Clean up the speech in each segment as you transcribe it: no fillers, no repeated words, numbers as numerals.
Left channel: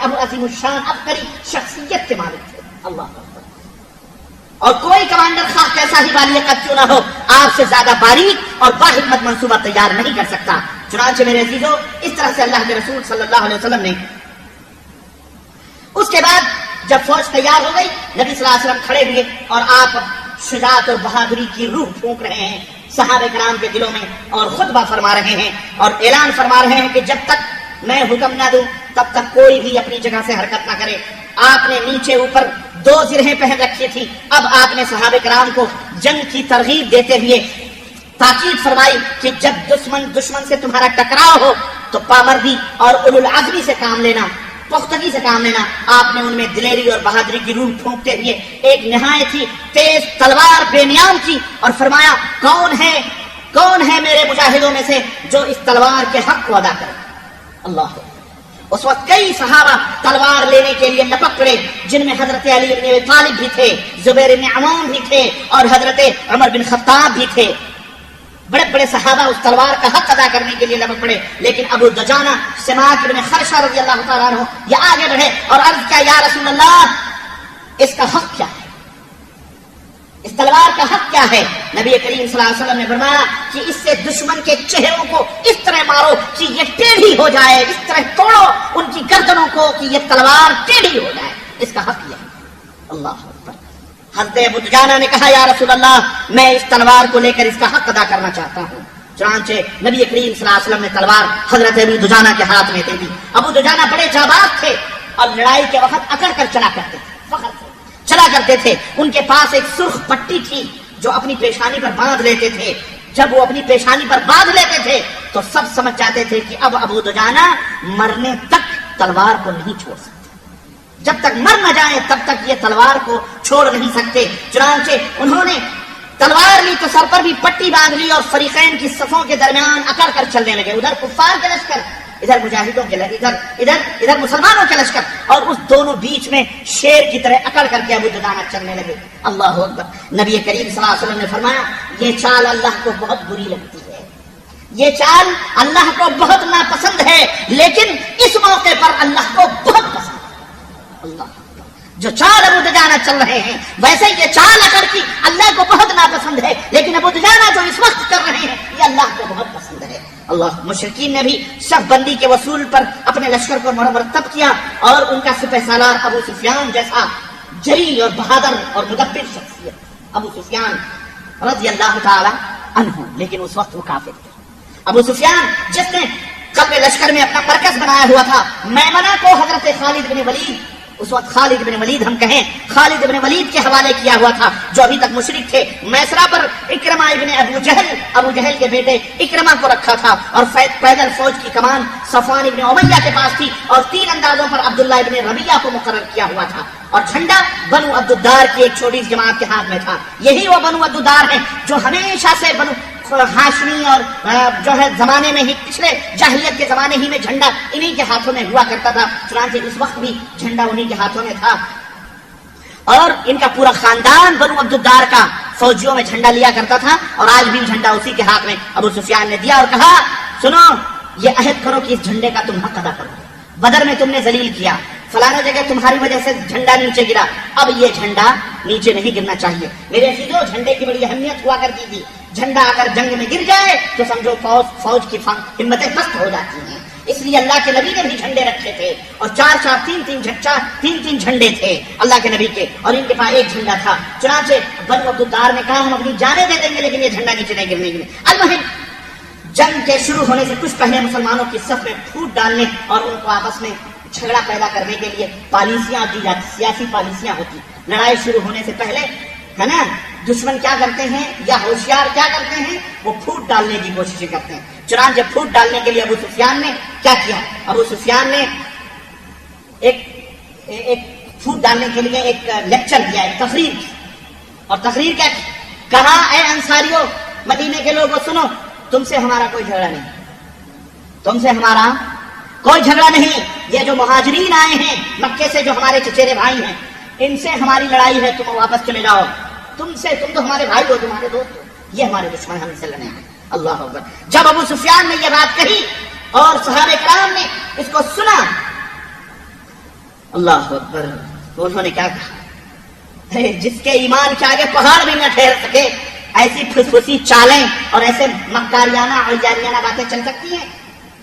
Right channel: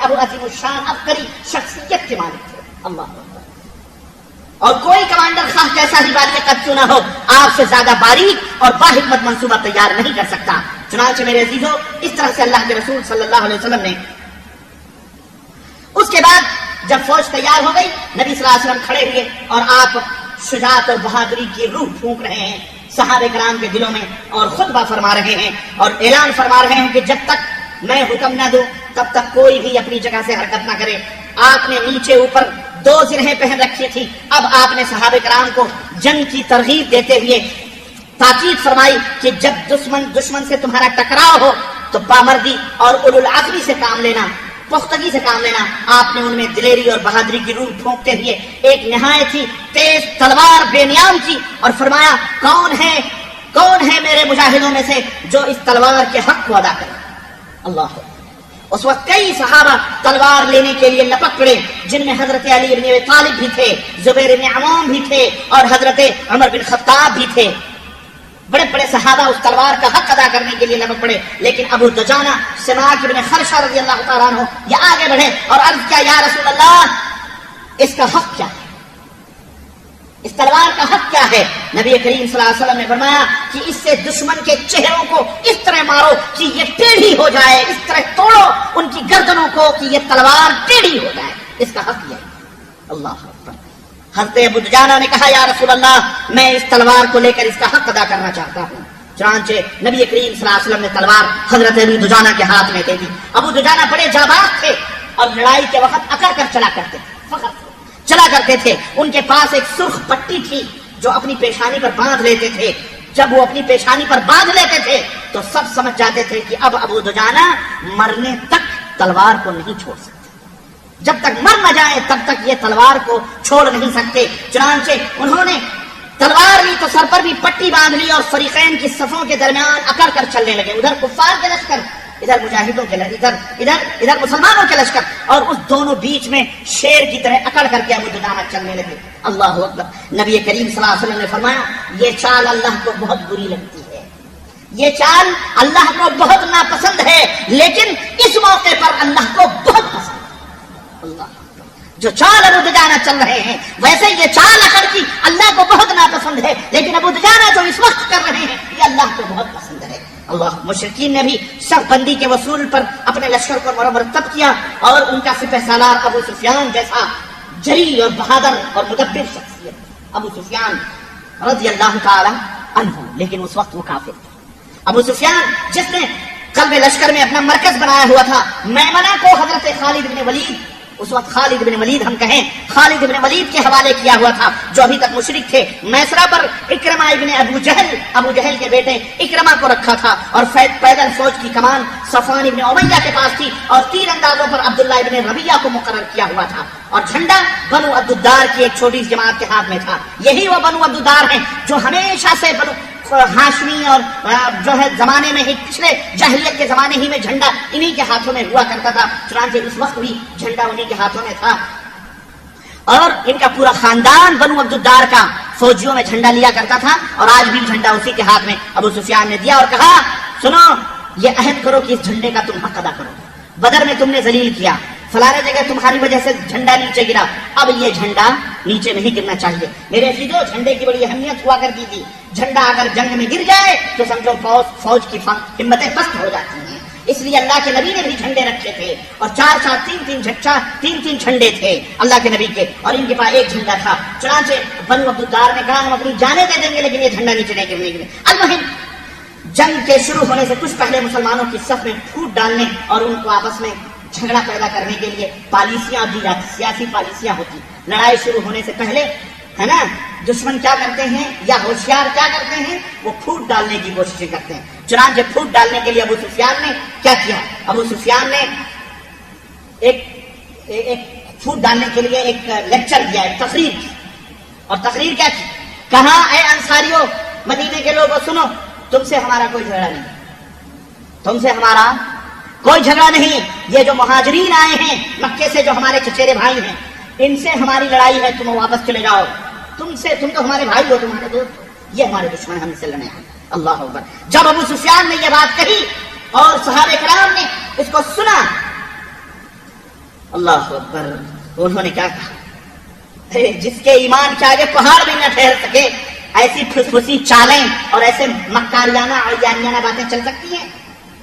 ابو عظیم الشان عبقری شخصیت کے مالک تھے. اللہ اکبر. اور کوئی کمانڈر خواہ کیسا ہی والی قد کیوں نہ ہو آپ سے زیادہ باریک اور باحکمت منصوبہ تیار نہیں کر سکتا. چنانچہ میرے عزیزو اس طرح سے اللہ کے رسول صلی اللہ علیہ وسلم نے اس کے بعد جب فوج تیار ہو گئی نبی صلی اللہ علیہ وسلم کھڑے ہوئے اور آپ شجاعت اور بہادری کی روح پھونک رہے ہیں صحابہ کرام کے دلوں میں اور خطبہ فرما رہے ہیں اور اعلان فرما رہے ہیں کہ جب تک میں حکم نہ دوں تب تک کوئی بھی اپنی جگہ سے حرکت نہ کرے. آپ نے نیچے اوپر 2 زرہیں پہن رکھی تھی. اب آپ نے صحابہ کرام کو جنگ کی ترغیب دیتے ہوئے تاکید فرمائی کہ جب دشمن سے تمہارا ٹکراؤ ہو تو پامردی اور اولو العزمی سے کام لینا, پختگی سے کام لینا. آپ نے ان میں دلیری اور بہادری کی روح پھونکتے ہوئے ایک نہایت ہی تیز تلوار بے نیام کی اور فرمایا کون ہے میرے مجاہدوں میں سے جو اس تلوار کے حق کو ادا کرے. اللہ. اس وقت کئی صحابہ تلوار لینے کے لیے لپک پڑے جن میں حضرت علی بن ابی طالب بھی تھے, زبیر بن عوام بھی تھے اور حضرت عمر بن خطاب بھی تھے. بڑے بڑے صحابہ اس تلوار کا حق ادا کرنے کے لیے لپک پڑے. لیکن ابو دجانہ سماک بن خرشہ رضی اللہ تعالیٰ عنہ یہ آگے بڑھے اور عرض کیا یا رسول اللہ اس کا حق کیا ہے, اس تلوار کا حق کیا ہے؟ نبی کریم صلی اللہ علیہ وسلم نے فرمایا کہ اس سے دشمن کے چہروں کو اس طرح مارو کہ یہ ٹیڑھی ہو جائے, اس طرح توڑو ان کی گردنوں کو کہ یہ تلوار ٹیڑھی ہو جائے. اس کا حق یہ ہے. اللہ اکبر. حضرت ابو دجانہ نے کہا یا رسول اللہ میں اس تلوار کو لے کر اس کا حق ادا کرنا چاہتا ہوں. چنانچہ نبی کریم صلی اللہ علیہ وسلم نے تلوار حضرت ابو دجانہ کے ہاتھ میں دے دی. ابو دجانہ بڑے جاباز تھے اور لڑائی کے وقت اکڑ کر چلا کرتے تھے. ان کے پاس ایک سرخ پٹی تھی جو اپنی پیشانی پر باندھ لیتے تھے. جب وہ اپنی پیشانی پر باندھ لیتے تھے تو سب سمجھ جاتے تھے کہ اب ابو دجانہ مرنے تک تلوار کو نہیں چھوڑ سکتے. جب تک مر نہ جائیں تب تک یہ تلوار کو چھوڑ نہیں سکتے. چنانچہ انہوں نے تلوار لی تو سر پر بھی پٹی باندھ لی اور فریقین کی صفوں کے درمیان اکڑ کر چلنے لگے. ادھر کفار کے لشکر, ادھر مجاہدوں کے لشکر, ادھر مسلمانوں کے لشکر, اور اس دونوں بیچ میں شیر کی طرح اکڑ کر کے ابو دجانہ چلنے لگے. اللہ اکبر. نبی کریم صلی اللہ علیہ وسلم نے فرمایا یہ چال اللہ کو بہت بری لگتی ہے, یہ چال اللہ کو بہت ناپسند ہے, لیکن اس موقع پر اللہ کو بہت پسند ہے. اللہ جو چال ابو دجانہ چل رہے ہیں ویسے یہ چال اکڑ کی اللہ کو بہت ناپسند ہے, لیکن ابو دجانہ جو اس وقت کر رہے ہیں یہ اللہ کو بہت پسند ہے. اللہ. مشرکین نے بھی صف بندی کے وصول پر اپنے لشکر کو مرتب کیا اور ان کا سپہ سالار ابو سفیان جیسا جری اور بہادر اور مدبر شخصیت ابو سفیان رضی اللہ تعالی عنہ, لیکن اس وقت وہ کافر تھے. ابو سفیان جس نے قلب لشکر میں اپنا مرکز بنایا ہوا تھا, میمنہ کو حضرت خالد بن ولید, اس وقت خالد بن ولید ہم کہیں خالد بن ولید کے حوالے کیا ہوا تھا جو ابھی تک مشرک تھے. میسرہ پر اکرمہ ابن ابو جہل کے بیٹے اکرمہ کو رکھا تھا اور پیدل فوج کی کمان صفوان ابن امیہ کے پاس تھی اور تیر اندازوں پر عبداللہ ابن ربیعہ کو مقرر کیا ہوا تھا اور جھنڈا بنو عبدالدار کی ایک چھوٹی سی جماعت کے ہاتھ میں تھا. یہی وہ بنو عبدالدار ہیں جو ہمیشہ سے بنو ہاشمی اور جو ہے زمانے میں ہی پچھلے جاہلیت کے زمانے ہی میں جھنڈا انہی کے ہاتھوں میں ہوا کرتا تھا. چنانچہ اس وقت بھی جھنڈا انہی کے ہاتھوں میں تھا اور ان کا پورا خاندان بنو عبدالدار کا فوجیوں میں جھنڈا لیا کرتا تھا اور آج بھی جھنڈا اسی کے ہاتھ میں ابو سفیان نے دیا اور کہا سنو یہ عہد کرو کہ اس جھنڈے کا تم حق ادا کرو گے. بدر میں تم نے ذلیل کیا, فلانے جگہ تمہاری وجہ سے جھنڈا نیچے گرا, اب یہ جھنڈا نیچے نہیں گرنا چاہیے. میرے عزیزو جھنڈے کی بڑی اہمیت ہوا کرتی تھی. جھنڈا اگر جنگ میں گر جائے تو سمجھو فوج کی ہمتیں پست ہو جاتی ہیں. اس لیے اللہ کے نبی نے بھی جھنڈے رکھے تھے اور تین تین جھنڈے تھے اللہ کے نبی کے, اور ان کے پاس ایک جھنڈا تھا. چنانچہ بنو عبدالدار نے کہا ہم اپنی جانیں دے دیں گے لیکن یہ جھنڈا نیچے نہیں گرنے. المہم جنگ کے شروع ہونے سے کچھ پہلے مسلمانوں کی صف میں پھوٹ ڈالنے اور ان کو آپس میں جھگڑا پیدا کرنے کے لیے پالیسیاں دی جاتی, سیاسی پالیسیاں ہوتی. لڑائی شروع ہونے سے پہلے ہے نا دشمن کیا کرتے ہیں یا ہوشیار کیا کرتے ہیں, وہ پھوٹ ڈالنے کی کوششیں کرتے ہیں. چنانچہ پھوٹ ڈالنے کے لیے ابو سفیان نے کیا کیا, ابو سفیان نے ایک پھوٹ ڈالنے کے لیے ایک لیکچر کیا, ایک تقریر کی. اور تقریر کیا کی, کہا اے انصاریوں مدینے کے لوگوں سنو, تم سے ہمارا کوئی جھگڑا نہیں, تم سے ہمارا کوئی جھگڑا نہیں. یہ جو مہاجرین آئے ہیں مکے سے جو ہمارے چچیرے بھائی ہیں ان سے ہماری لڑائی ہے, تم واپس چلے جاؤ. تم تو ہمارے بھائی ہو, تمہارے دوست ہو, یہ ہمارے دشمن ہم سے لڑنے ہیں. اللہ اکبر. جب ابو سفیان نے یہ بات کہی اور صحابہ کرام نے اس کو سنا اللہ اکبر. انہوں نے کیا کہا؟ جس کے ایمان کے آگے پہاڑ بھی نہ ٹھہر سکے، ایسی پھسپھسی چالیں اور ایسے مکاریانہ اور جانیانہ باتیں چل سکتی ہیں؟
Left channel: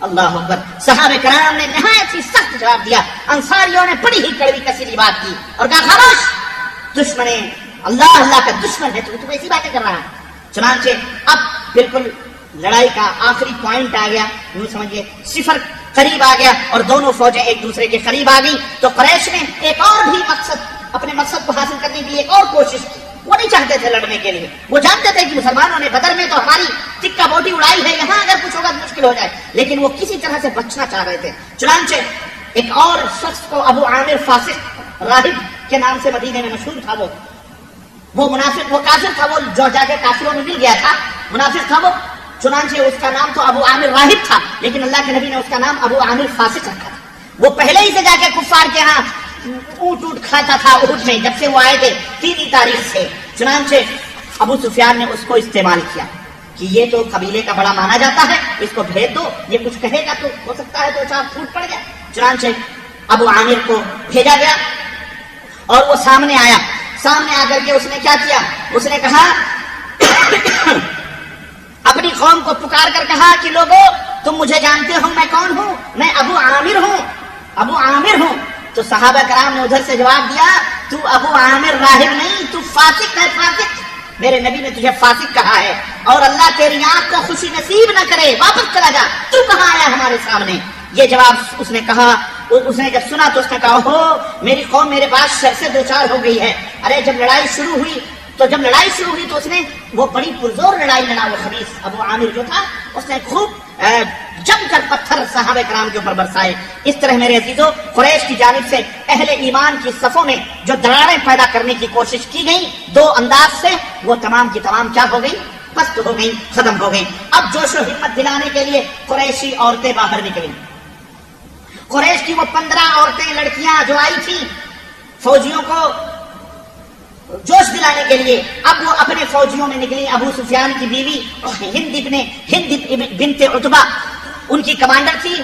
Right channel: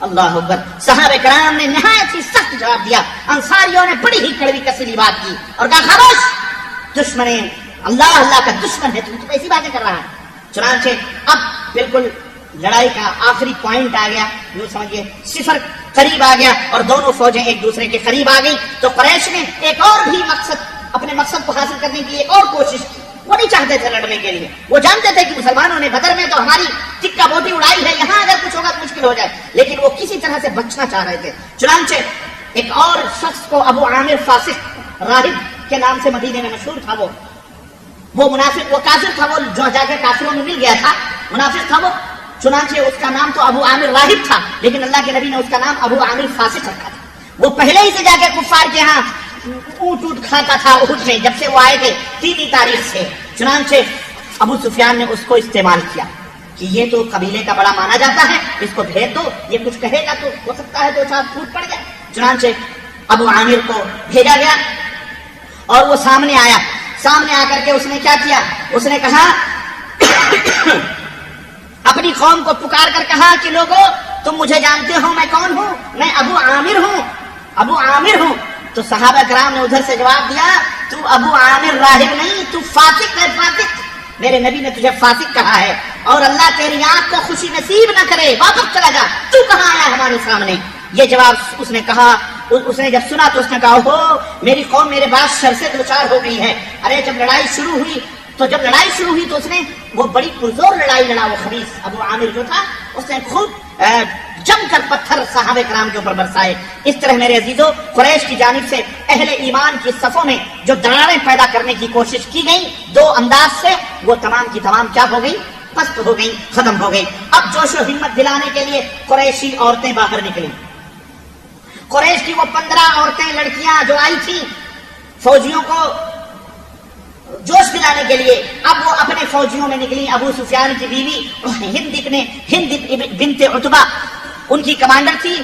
اللہ اکبر. صحابہ کرام نے نہایت ہی سخت جواب دیا. انصاریوں نے بڑی ہی کڑوی کسیلی بات کی اور کہا خاموش، دشمن اللہ کا دشمن ہے، تو ایسی باتیں کر رہا ہے. چنانچہ اب بالکل لڑائی کا آخری پوائنٹ آ گیا، یوں سمجھیے صفر قریب آ گیا اور دونوں فوجیں ایک دوسرے کے قریب آ گئی. تو قریش نے ایک اور بھی اپنے مقصد کو حاصل کرنے کی ایک اور کوشش کی. وہ نہیں چاہتے تھے لڑنے کے لیے، وہ جانتے تھے کہ مسلمانوں نے بدر میں تو ہماری ٹکا بوٹی اڑائی ہے، یہاں اگر کچھ ہوگا تو مشکل ہو جائے، لیکن وہ کسی طرح سے بچنا چاہ رہے تھے. چنانچہ ایک اور شخص کو ابو عامر فاسق راہب کے نام سے مدینے میں مشہور تھا، وہ منافق، وہ کافر تھا، وہ جو جا کر کافروں میں مل گیا تھا، منافق تھا وہ. چنانچہ اس کا نام تو ابو عامر راہب تھا، لیکن اللہ کے نبی نے اس کا نام ابو عامر فاسق رکھا تھا. وہ پہلے ہی سے جا کے کفار کے ہاں اونٹ کھاتا تھا احد میں، جب سے وہ آئے تھے 3 تاریخ سے. چنانچہ ابو سفیان نے اس کو استعمال کیا کہ یہ تو قبیلے کا بڑا مانا جاتا ہے، اس کو بھیج دو، یہ کچھ کہے گا تو ہو سکتا ہے 2-4 پھوٹ پڑ جائے. چنانچہ ابو عامر کو بھیجا گیا اور وہ سامنے آیا. سامنے آ کر کے اس نے کیا کیا؟ اس نے کہا اپنی قوم کو پکار کر کہا کہ لوگوں، تم مجھے جانتے ہو میں کون ہوں؟ میں ابو عامر ہوں، ابو عامر ہوں. تو صحابہ کرام نے ادھر سے جواب دیا، تو ابو عامر راہب نہیں، تو فاسق ہے، فاسق. میرے نبی نے تجھے فاسق کہا ہے، اور اللہ تیری آنکھ کو خوشی نصیب نہ کرے، واپس چلا جا، تو کہاں آیا ہمارے سامنے؟ یہ جواب اس نے کہا. اس نے جب سنا تو اس نے کہا ہو میری قوم میرے پاس شر سے 2-4 ہو گئی ہے. ارے جب لڑائی شروع ہوئی تو اس نے وہ بڑی پرزور لڑائی لڑا. وہ خبیث ابو عامر جو تھا، اس نے خوب جم کر پتھر صحابہ کرام کے اوپر برسائے. اس طرح میرے عزیزوں، قریش کی جانب سے اہل ایمان کی صفوں میں جو دراڑیں پیدا کرنے کی کوشش کی گئی 2 انداز سے، وہ تمام کی تمام کیا ہو گئی؟ پست ہو گئی، ختم ہو گئی. اب جوش و ہمت دلانے کے لیے قریشی عورتیں باہر نکلی. قریش کی وہ 15 عورتیں، لڑکیاں جو آئی تھی فوجیوں کو جوش دلانے کے لیے، اب وہ اپنے فوجیوں میں نکلی. ابو سفیان کی بیوی ہند بنت عتبہ ان کی کمانڈر تھی.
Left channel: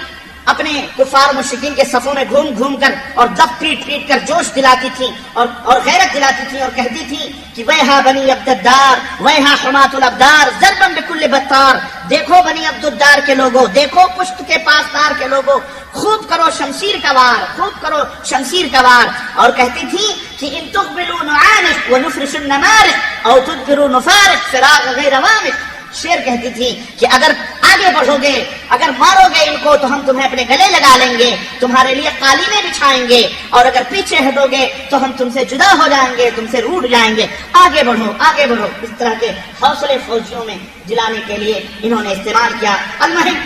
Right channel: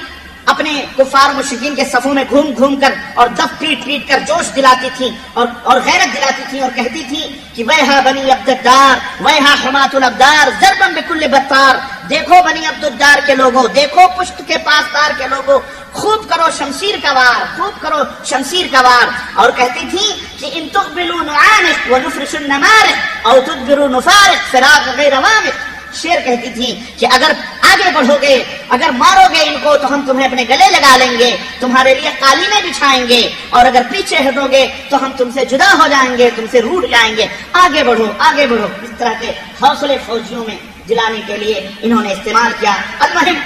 اپنے کفار مشرکین کے صفوں میں گھوم گھوم کر اور دب پیٹ پیٹ کر جوش دلاتی تھی اور غیرت دلاتی تھی اور کہتی تھی کہ ویہا بنی عبدالدار، ویہا حمات الابدار، ضربن بکل بطار. دیکھو بنی عبدالدار کے لوگوں، دیکھو پشت کے پاسدار کے لوگوں، خوب کرو شمشیر کا وار، خوب کرو شمشیر کا وار. اور کہتی تھی کہ ان تقبلوا نعانق ونفرش النمارق او تدبروا نفارق فراغ غیر وامق. شعر کہتی تھی کہ اگر آگے بڑھو گے، اگر مارو گے ان کو تو ہم تمہیں اپنے گلے لگا لیں گے، تمہارے لیے قالینیں بچھائیں گے، اور اگر پیچھے ہٹو گے تو ہم تم سے جدا ہو جائیں گے، تم سے روٹھ جائیں گے. آگے بڑھو، آگے بڑھو. اس طرح کے حوصلے فوجیوں میں دلانے کے لیے انہوں نے استعمال کیا. المہم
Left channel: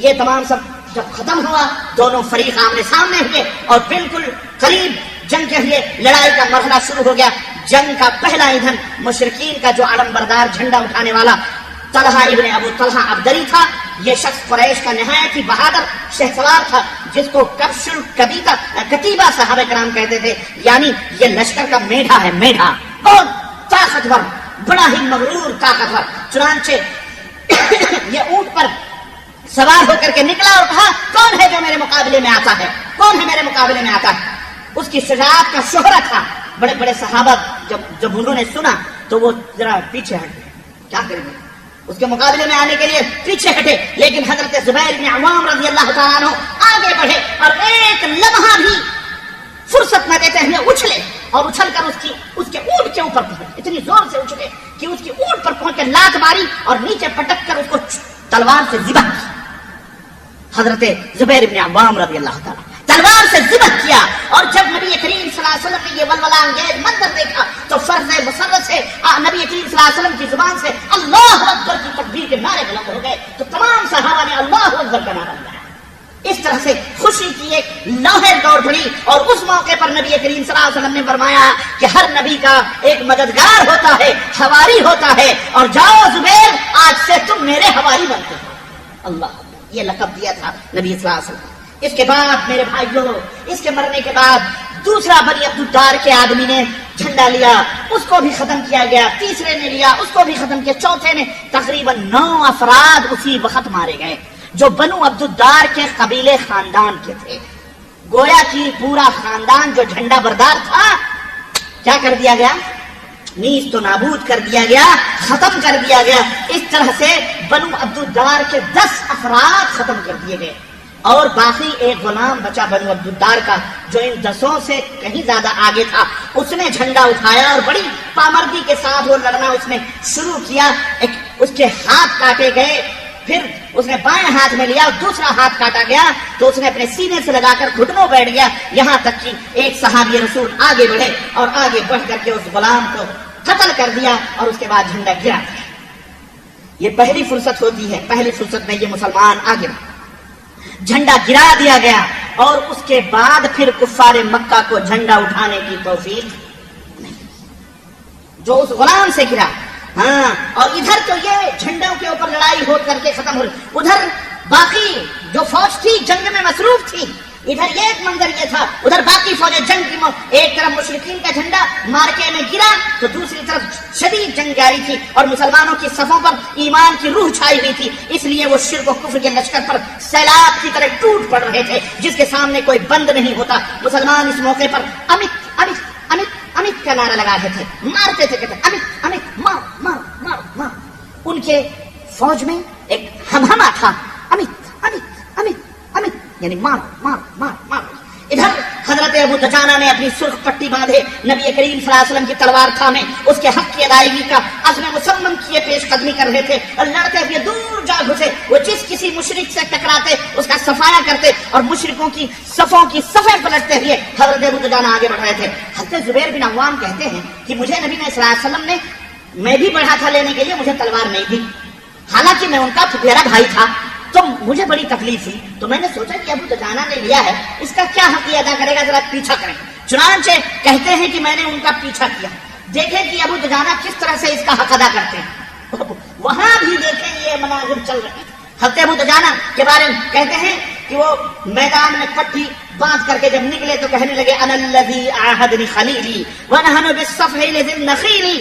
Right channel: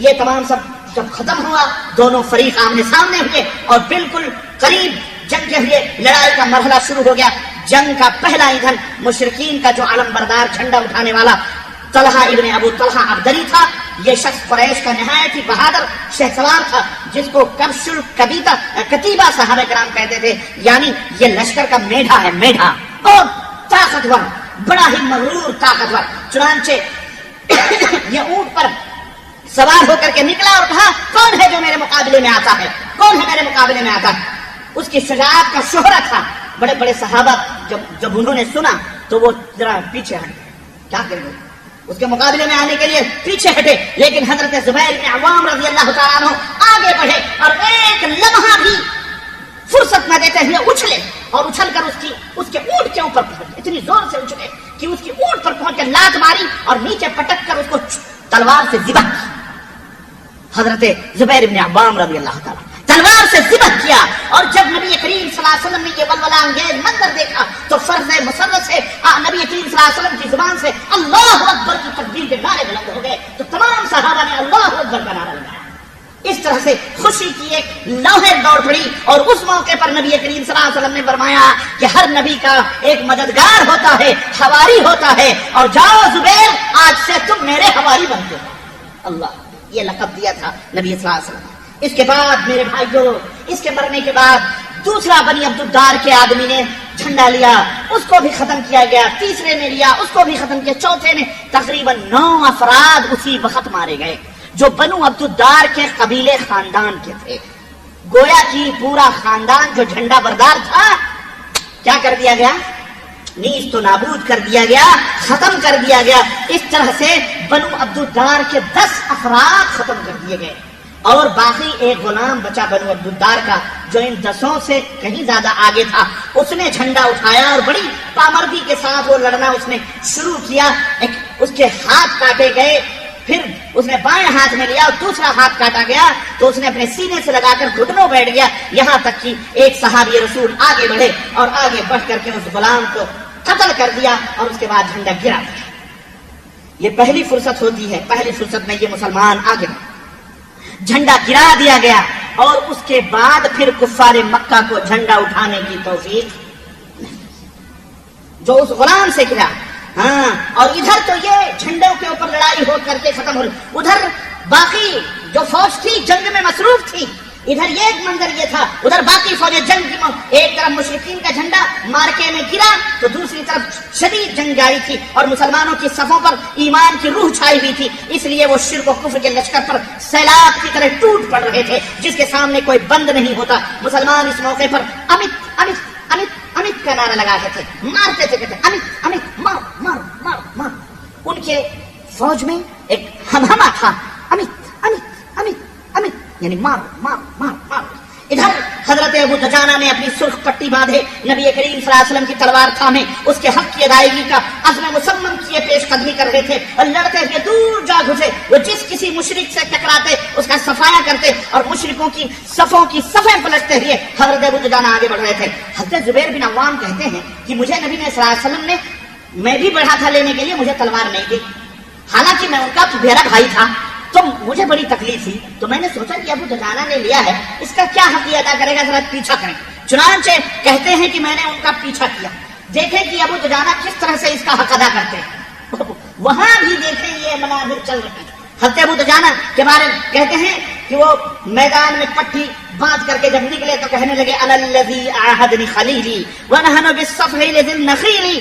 یہ تمام سب جب ختم ہوا، دونوں فریق آمنے سامنے ہوئے اور بالکل قریب جنگ کے ہوئے لڑائی کا مرحلہ شروع ہو گیا. جنگ کا پہلا ایندھن مشرکین کا جو علم بردار جھنڈا اٹھانے والا طلحہ ابن ابو طلحہ عبدری تھا. یہ شخص قریش کا نہایت ہی بہادر شہسوار تھا، جس کو کتیبہ صحابہ کرام کہتے تھے، یعنی یہ لشکر کا میڈھا ہے، میڈھا، اور طاقتور، بڑا ہی مغرور طاقتور. چنانچہ یہ اونٹ پر سوار ہو کر کے نکلا اور کہا کون ہے جو میرے مقابلے میں آتا ہے، کون ہے میرے مقابلے میں آتا ہے. اس کی شجاعت کا شہرت تھا. بڑے بڑے صحابہ جب انہوں نے سنا تو وہ ذرا پیچھے ہٹ گئے، کیا کریں گے، اس کے مقابلے میں آنے کے لیے پیچھے ہٹے. لیکن حضرت زبیر بن عوام رضی اللہ تعالیٰ عنہ آگے بڑھے اور ایک لمحہ بھی فرصت نہ دیتے ہوئے اچھلے اور اچھل کر اس کے اونٹ کے اوپر پہنچے. اتنی زور سے اچھلے کہ اس کے اونٹ پر پہنچ کر لات ماری اور نیچے پٹک کر اس کو تلوار سے ذبح کیا. حضرت زبیر بن عوام رضی اللہ تعالیٰ تلوار سے ذبح کیا. اور جب نبی کریم صلی اللہ علیہ وسلم نے یہ ولولہ انگیز منظر دیکھا تو فرض مسرت سے نبی کریم صلی اللہ علیہ وسلم کی زبان سے اللہ اکبر کی تکبیر کے نعرے بلند ہو گئے. تو تمام صحابہ نے اللہ اکبر کا نعرہ لگایا. اس طرح سے خوشی کی ایک لوہے دوڑ پڑی. اور اس موقع پر نبی کریم صلی اللہ علیہ وسلم نے فرمایا کہ ہر نبی کا ایک مددگار ہوتا ہے، حواری ہوتا ہے، اور جاؤ زبیر آج سے تم میرے حواری بنتے. اللہ، یہ لقب دیا تھا نبی صلی اللہ علیہ وسلم. اس کے بعد میرے بھائیوں، اس کے مرنے کے بعد دوسرا بنی عبدالدار کے آدمی نے جھنڈا لیا، اس کو بھی ختم کیا گیا. تیسرے نے لیا، اس کو بھی ختم کیا. چوتھے نے. تقریباً 9 افراد اسی وقت مارے گئے جو بنو عبدالدار کے قبیلے خاندان کے تھے. گویا کہ پورا خاندان جو جھنڈا بردار تھا کیا کر دیا گیا؟ نیز تو نابود کر دیا گیا، ختم کر دیا گیا۔ اس طرح سے بنو عبدالدار کے 10 افراد ختم کر دیے گئے، اور باقی ایک غلام بچا بنو عبدالدار کا، جو ان 10 سے کہیں زیادہ آگے تھا۔ اس نے جھنڈا اٹھایا اور بڑی پامردی کے ساتھ وہ لڑنا اس نے شروع کیا۔ اس کے ہاتھ کاٹے گئے، پھر اس نے بائیں ہاتھ میں لیا اور دوسرا ہاتھ کاٹا گیا تو اس نے اپنے سینے سے لگا کر گھٹنوں بیٹھ گیا، یہاں تک کہ ایک صحابی رسول آگے بڑھے اور آگے بڑھ کر کے اس غلام کو قتل کر دیا، اور اس کے بعد جھنڈا گرا دیا۔ یہ پہلی فرصت ہوتی ہے، پہلی فرصت میں یہ مسلمان آگے بڑھے، جھنڈا گرا دیا گیا، اور اس کے بعد پھر کفار مکہ کو جھنڈا اٹھانے کی توفیق نہیں، جو اس غلام سے گرا۔ ہاں، اور ادھر تو یہ جھنڈوں کے اوپر لڑائی ہو کر کے ختم ہو رہی، ادھر باقی جو فوج تھی جنگ میں مصروف تھی۔ ادھر یہ ایک منظر یہ تھا، ادھر باقی فوجیں جنگ کی ایک طرف مشرکین کا جھنڈا مارکے میں گرا تو دوسری طرف شدید جنگ جاری تھی، اور مسلمانوں کی صفوں پر ایمان کی روح چھائی ہوئی تھی، اس لیے وہ شرک و کفر کے لشکر پر سیلاب کی طرح ٹوٹ پڑ رہے تھے، جس کے سامنے کوئی بند نہیں ہوتا۔ مسلمان اس موقع پر امت امت امت امت کا نعرہ لگاتے تھے، مارتے تھے، کہتے امت امت مار مار مار مار۔ ان کے فوج میں ایک ہمہمہ تھا، امت امت امت امت، یعنی مار مار مار مار۔ ادھر حضرت ابو دجانہ نے اپنی سرخ پٹی باندھے نبی کریم صلی اللہ علیہ وسلم کی تلوار تھامے اس کے حق کی ادائیگی کا عزم مصمم کیے پیش قدمی کر رہے تھے، اور لڑتے ہوئے دور جا گھسے۔ وہ جس کسی مشرک سے ٹکراتے اس کا صفایا کرتے، اور مشرکوں کی صفوں کی صفیں پلٹتے ہوئے حضرت ابو دجانہ آگے بڑھ رہے تھے۔ حضرت زبیر بن عوام کہتے ہیں کہ مجھے نبی نے صلی اللہ علیہ وسلم نے، میں بھی بڑھا تھا لینے کے لیے، مجھے تلوار نہیں دی، حالانکہ میں ان کا پھپھیرا بھائی تھا، تو مجھے بڑی تکلیف ہوئی، تو میں نے سوچا کہ ابو دجانہ نے لیا ہے، اس کا کیا حق ادا کرے گا، ذرا پیچھا کریں۔ چنانچہ کہتے ہیں کہ میں نے ان کا پیچھا کیا، دیکھیں کہ ابو دجانہ کس طرح سے اس کا حق ادا کرتے ہیں۔ وہاں بھی دیکھیں یہ مناظر چل رہے ہیں۔ حضرت ابو دجانہ کے بارے میں کہتے ہیں کہ وہ میدان میں پٹھی باندھ کر کے جب نکلے تو کہنے لگے انا الذی عاہدنی خلیلی ونحن بالصفح لذی النخیل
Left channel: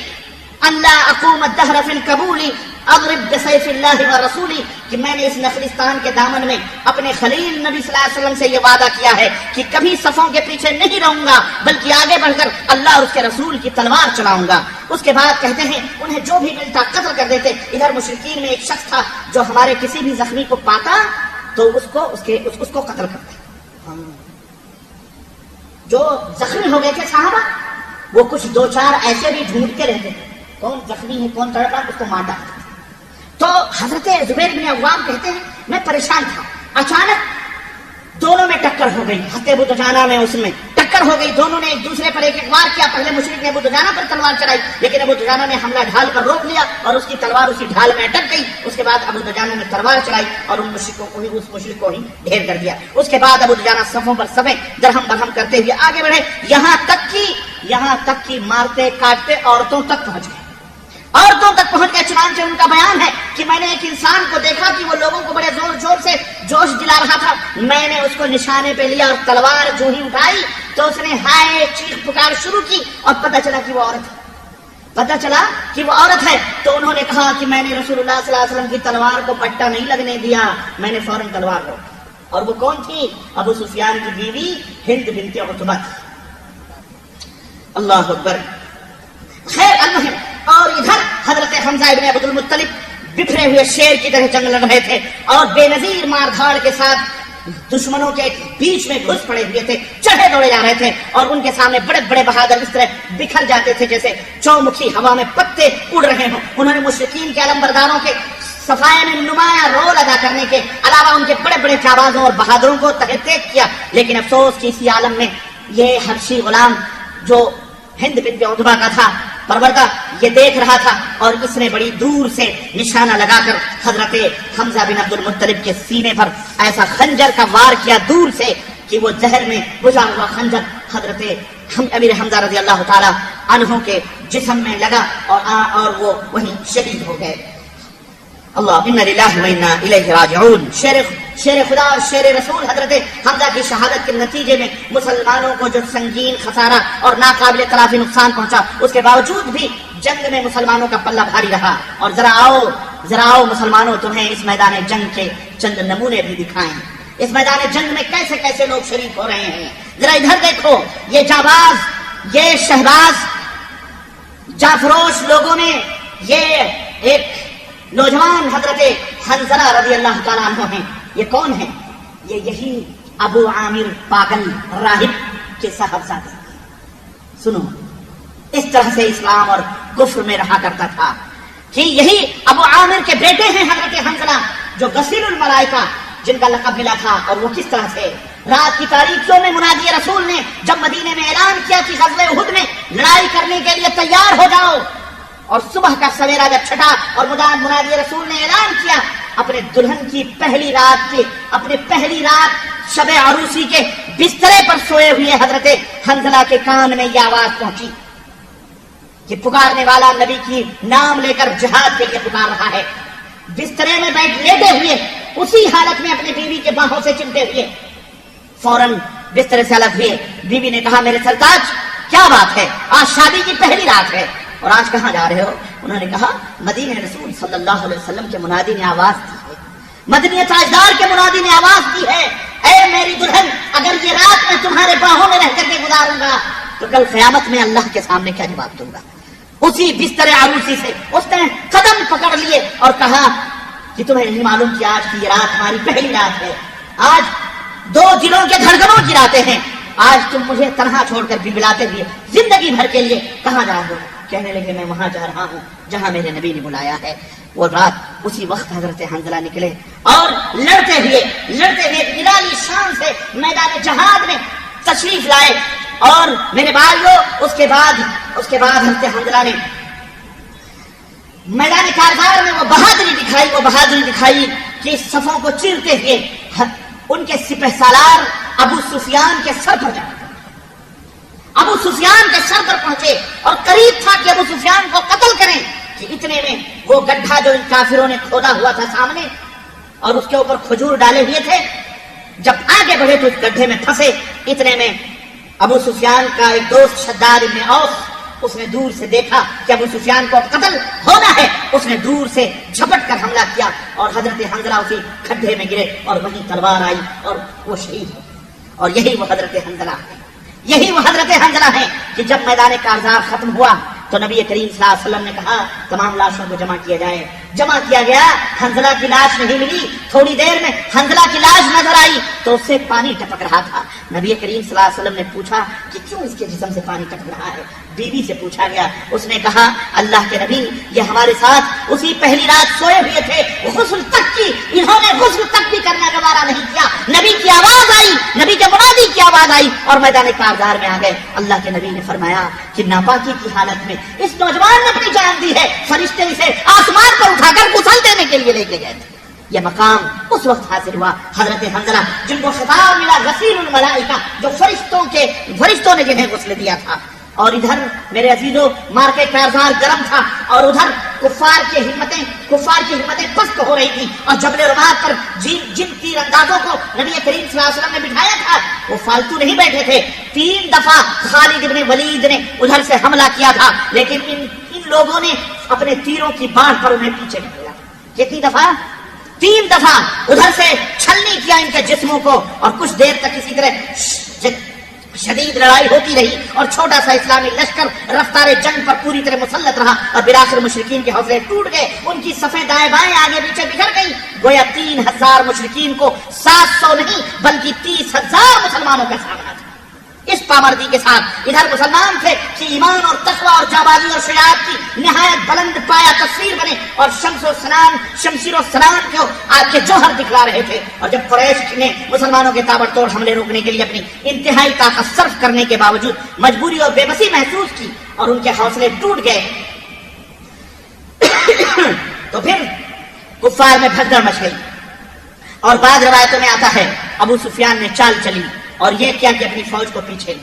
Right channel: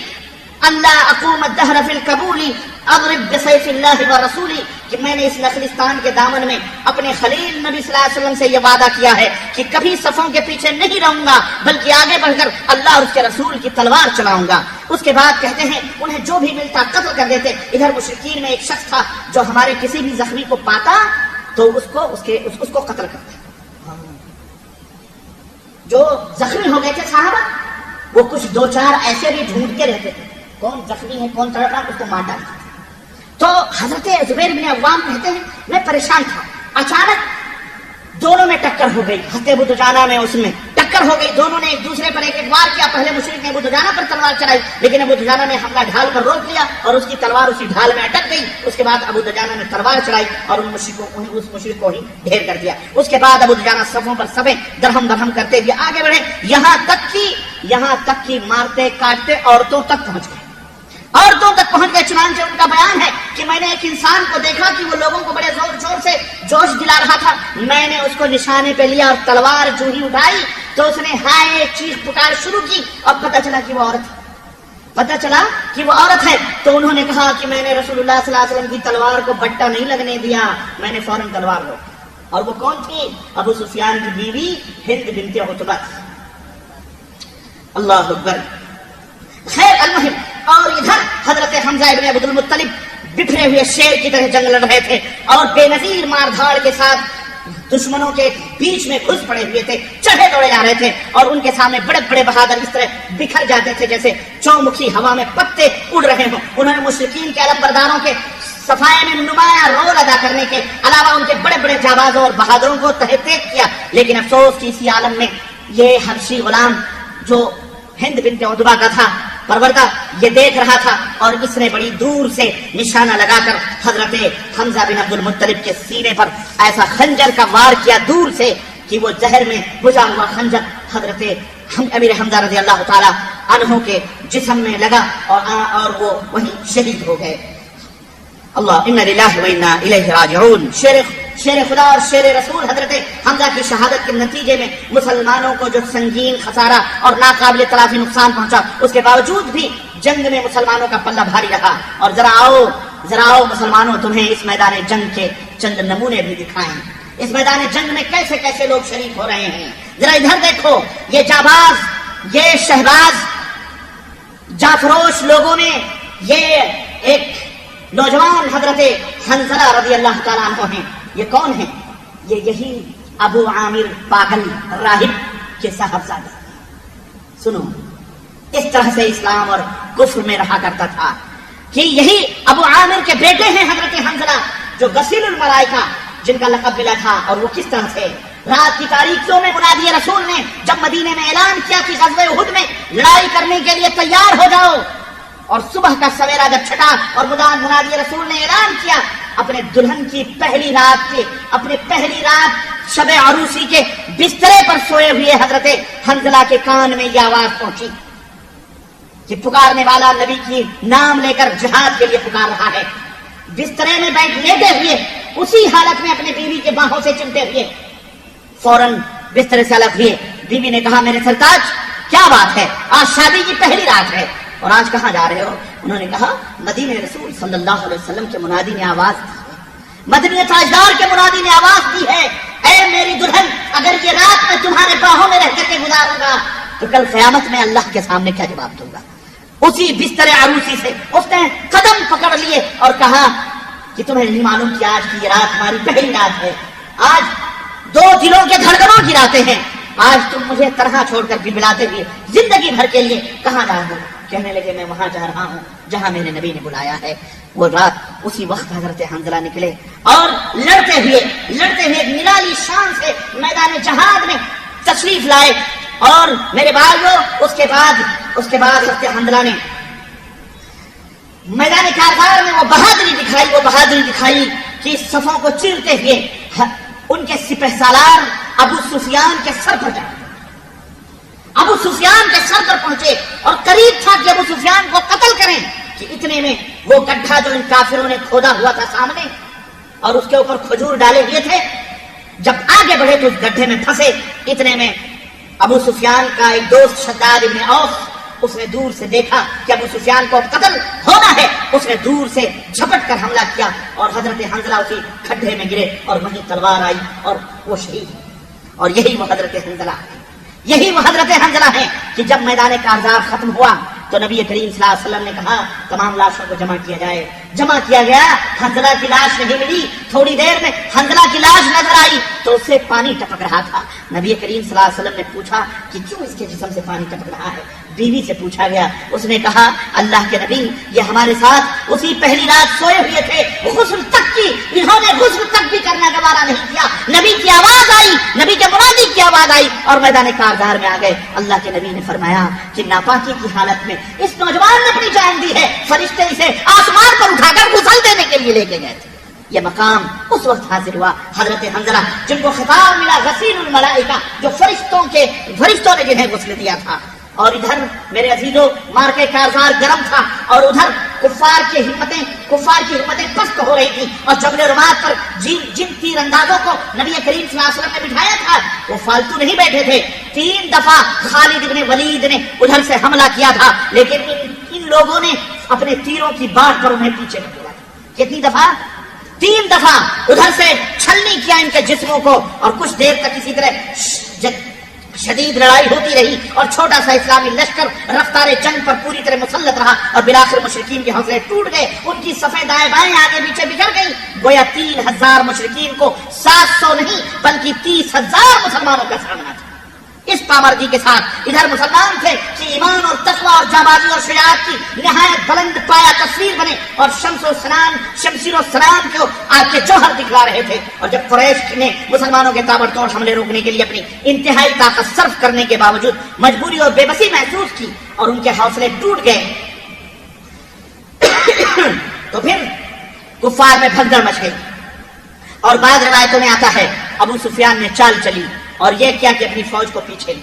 اللہ اقوم الدہر فی القبول اضرب بسیف اللہ ورسولی، کہ میں نے اس نخلستان کے دامن میں اپنے خلیل نبی صلی اللہ علیہ وسلم سے یہ وعدہ کیا ہے کہ کبھی صفوں کے پیچھے نہیں رہوں گا، بلکہ آگے بڑھ کر اللہ اور اس کے رسول کی تلوار چلاؤں گا۔ اس کے بعد کہتے ہیں انہیں جو بھی ملتا قتل کر دیتے۔ ادھر مشرکین میں ایک شخص تھا جو ہمارے کسی بھی زخمی کو پاتا تو اس کو قتل کرتے۔ جو زخمی ہو گئے تھے صحابہ، وہ کچھ 2-4 ایسے بھی ڈھونڈتے رہتے تھے، کون زخمی ہے کون تڑپا، اس کو مار ڈالتا۔ تو حضرت زبیر بن عوام کہتے ہیں میں پریشان تھا، اچانک دونوں میں ٹکر ہو گئی، حضرت ابو دجانہ میں اس میں ٹکر ہو گئی، دونوں نے ایک دوسرے پر ایک وار کیا۔ پہلے مشرک نے ابو دجانہ پر تلوار چلائی، لیکن ابو دجانہ نے حملہ ڈھال کر روک لیا اور اس کی تلوار اسی ڈھال میں اٹک گئی۔ اس کے بعد ابو دجانہ نے تلوار چلائی اور اس مشرک کو ہی ڈھیر کر دیا۔ اس کے بعد ابو دجانہ صفوں پر صفیں درہم درہم کرتے ہوئے آگے بڑھے، یہاں تک کہ مارتے کاٹتے عورتوں تک پہنچ گئے، عورتوں تک پہنچ گئے۔ چنانچہ ان کا بیان ہے کہ میں نے ایک انسان کو دیکھا کہ وہ لوگوں کو بڑے زور زور سے جوش دلا رہا تھا، میں نے اس کو نشانے پہ لیا اور تلوار جو ہی اٹھائی تو اس نے ہائے چیخ پکار شروع کی، اور پتہ چلا کہ وہ عورت ہے، تو انہوں نے کہا کہ میں نے رسول اللہ صلی اللہ علیہ وسلم کی تلوار کو بٹا نہیں لگنے دیا، میں نے فوراً تلوار روکی۔ اور وہ کون تھی؟ ابو سفیان کی بیوی ہند بنت عتبہ۔ اللہ اکبر۔ خیر المہم، اور ادھر حضرت حمزہ ابن عبد المطلب بکھرے ہوئے شیر کی طرح جنگ لڑ رہے تھے اور بے نظیر مار دھاڑ کے ساتھ دشمنوں کے بیچ میں گھس پڑے ہوئے تھے، چڑھے دوڑے جا رہے تھے، اور ان کے سامنے بڑے بڑے بہادر اس طرح بکھر جاتے تھے جیسے چومکھی ہوا میں پتے اڑ رہے ہوں۔ انہوں نے مشرکین کے علمبرداروں کے صفائے میں نمایاں رول ادا کرنے کے علاوہ ان کے بڑے بڑے جانبازوں اور بہادروں کو تحقیق کیا، لیکن افسوس کہ اسی عالم میں یہ حبشی غلام جو ہند بنت عتبہ کا تھا پروردہ، یہ دیکھ رہا تھا، اور اس نے بڑی دور سے نشانہ لگا کر حضرت حمزہ بن عبد المطلب کے سینے پر ایسا خنجر کا وار کیا دور سے کہ وہ زہر میں بھجا ہوا خنجر حضرت امیر حمزہ رضی اللہ تعالی عنہ کے جسم میں لگا اور وہ وہیں شہید ہو گئے۔ اللہ انا للہ و انا الیہ راجعون۔ شیر خدا اور شیر رسول حضرت حمزہ کی شہادت کے نتیجے میں مسلمانوں کو جو سنگین خسارہ اور ناقابل تلافی نقصان پہنچا، اس کے باوجود بھی جنگ میں مسلمانوں کا پلہ بھاری رہا۔ اور ذرا آؤ مسلمانوں، تمہیں اس میدان جنگ کے چند نمونے بھی دکھائیں۔ اس میدان جنگ میں کیسے کیسے لوگ شریک ہو رہے ہیں. ذرا ادھر دیکھو، یہ جاباز، یہ شہباز جافروش لوگوں میں یہ ایک نوجوان حضرت حنظلہ رضی اللہ تعالیٰ عنہ ہیں. یہ کون ہیں؟ یہی ابو عامر پاگل راہب کے صاحبزادے. سنو، اس طرح سے اسلام اور کفر میں رہا کرتا تھا کہ یہی ابو عامر کے بیٹے ہیں حضرت حنظلہ جو غسیل الملائکہ جن کا لقب ملا تھا. اور وہ کس طرح سے رات کی تاریکیوں میں منادی رسول نے جب مدینے میں اعلان کیا کہ غزوہ احد میں لڑائی کرنے کے لیے تیار ہو جاؤ، اور صبح کا سویرا جب چھٹا اور منادی رسول نے اعلان کیا، اپنے دلہن کی پہلی رات شب عروسی کے بسترے پر سوئے ہوئے حضرت حنظلہ کے کان میں یہ آواز پہنچی کہ پکارنے والا نبی کی نام لے کر جہاد کے لیے پکار رہا ہے. بسترے میں لیٹے ہوئے اسی حالت میں اپنے بیوی کے باہوں سے چمٹے ہوئے فوراً بسترے سے الگ ہوئے. بیوی نے کہا، میرے سرتاج کیا بات ہے؟ آج شادی کی پہلی رات ہے اور آج کہاں جا رہے ہو؟ انہوں نے کہا، مدینے رسول صلی اللہ علیہ وسلم کے منادی نے آواز دی ہے، مدنی تاجدار کے منادی نے آواز دی ہے، اے میری دلہن، اگر یہ رات میں تمہارے باہوں میں رہ کر کے گزاروں گا تو کل قیامت میں اللہ کے سامنے کیا جواب دوں گا. اسی بستر عروسی سے اس نے قدم پکڑ لیے اور کہا کہ تمہیں نہیں معلوم کہ آج کی یہ رات ہماری پہلی رات ہے، آج دو دلوں کے دھڑکنوں کی راتیں ہیں، آج تم مجھے تنہا چھوڑ کر بلبلاتے ہوئے زندگی بھر کے لیے کہاں جا رہے ہو؟ کہنے لگے، میں وہاں جا رہا ہوں جہاں میرے نبی نے بلایا ہے. وہ رات اسی وقت حضرت حنظلہ نکلے اور لڑتے ہوئے نرالی شان سے میدان جہاد میں تشریف لائے. اور میرے بھائیو، اس کے بعد حضرت حنظلہ نے میدان کارزار میں وہ بہادری دکھائی کہ صفوں کو چیرتے ہوئے ان کے سپہ سالار ابو سفیان کے سر پر جائے. ابو سفیان کے سر پر پہنچے اور قریب تھا کہ ابو سفیان کو قتل کریں کہ اتنے میں وہ گڈھا جو ان کافروں نے کھودا ہوا تھا سامنے اور اس کے اوپر کھجور ڈالے ہوئے تھے، جب آگے بڑھے تو اس گڈھے میں پھنسے. اتنے میں ابو سفیان کا ایک دوست شداد ابن اوس، اس نے دور سے دیکھا کہ ابو سفیان کو اب قتل ہونا ہے، اس نے دور سے جھپٹ کر حملہ کیا اور حضرت حنظلہ اسی کھڈے میں گرے اور وہیں تلوار آئی اور وہ شہید ہو. اور یہی وہ حضرت حنظلہ ہے کہ جب میدان کارزار ختم ہوا تو نبی کریم صلی اللہ علیہ وسلم نے کہا تمام لاشوں کو جمع کیا جائے. جمع کیا گیا، حنظلہ کی لاش نہیں ملی. تھوڑی دیر میں حنظلہ کی لاش نظر آئی تو اس سے پانی ٹپک رہا تھا. نبی کریم صلی اللہ علیہ وسلم نے پوچھا کہ کیوں اس کے جسم سے پانی ٹپک رہا ہے؟ بیوی سے پوچھا گیا، اس نے کہا، اللہ کے نبی، یہ ہمارے ساتھ اسی پہلی رات سوئے ہوئے تھے، غسل تک کی انہوں نے غسل تک بھی کرنا گوارا نہیں کیا. نبی کی آواز آئی، نبی کے منادی کی آواز آئی اور میدان کارزار میں آ گئے. اللہ کے نبی نے فرمایا کہ ناپاکی کی حالت میں اس نوجوان نے اپنی جان دی ہے، فرشتے اسے آسمان پر اٹھا کر غسل دینے کے لیے لے کے گئے تھے. یہ مقام اس وقت حاصل ہوا حضرت حنظلہ جن کو خطاب ملا غسیل الملائکہ، جو فرشتوں نے جنہیں غسل دیا تھا. اور ادھر میرے عزیزوں مارکے کارزار گرم تھا اور ادھر کفار کی ہمتیں پست ہو رہی تھی. اور جبل رمات پر جن تیر اندازوں کو نبی کریم صلی اللہ علیہ وسلم نے بٹھایا تھا وہ فالتو نہیں بیٹھے تھے. 3 دفعہ خالد بن ولید نے ادھر سے حملہ کیا تھا، لیکن ان لوگوں نے اپنے تیروں کی باڑ پر انہیں پیچھے نکلا. کتنی دفعہ؟ 3 دفعہ ادھر سے چھلنی کیا ان کے جسموں کو. اور کچھ دیر تک اسی طرح شدید لڑائی ہوتی رہی اور چھوٹا سا اسلامی لشکر رفتار جنگ پر پوری طرح مسلط رہا اور بالآخر مشرکین کے حوصلے ٹوٹ گئے. ان کی صفیں دائیں بائیں آگے پیچھے بکھر گئی. گویا 3000 مشرکین کو 700 نہیں بلکہ 30,000 مسلمانوں کا سامنا تھا. اس پامردی کے ساتھ ادھر مسلمان تھے کہ ایمان اور تقویٰ اور جانبازی اور شجاعت کی نہایت بلند پایا تصویر بنے اور شمشیر و سنان کو آپ کے جوہر دکھلا رہے تھے. اور جب قریش نے مسلمانوں کے تابڑتوڑ حملے روکنے کے لیے اپنی انتہائی طاقت صرف کرنے کے باوجود مجبوری اور بے بسی محسوس کی اور ان کے حوصلے ٹوٹ گئے تو پھر کفار میں بھگدڑ مچ گئی. اور بعض روایتوں میں آتا ہے ابو سفیان نے چال چلی اور یہ کیا کہ اپنی فوج کو پیچھے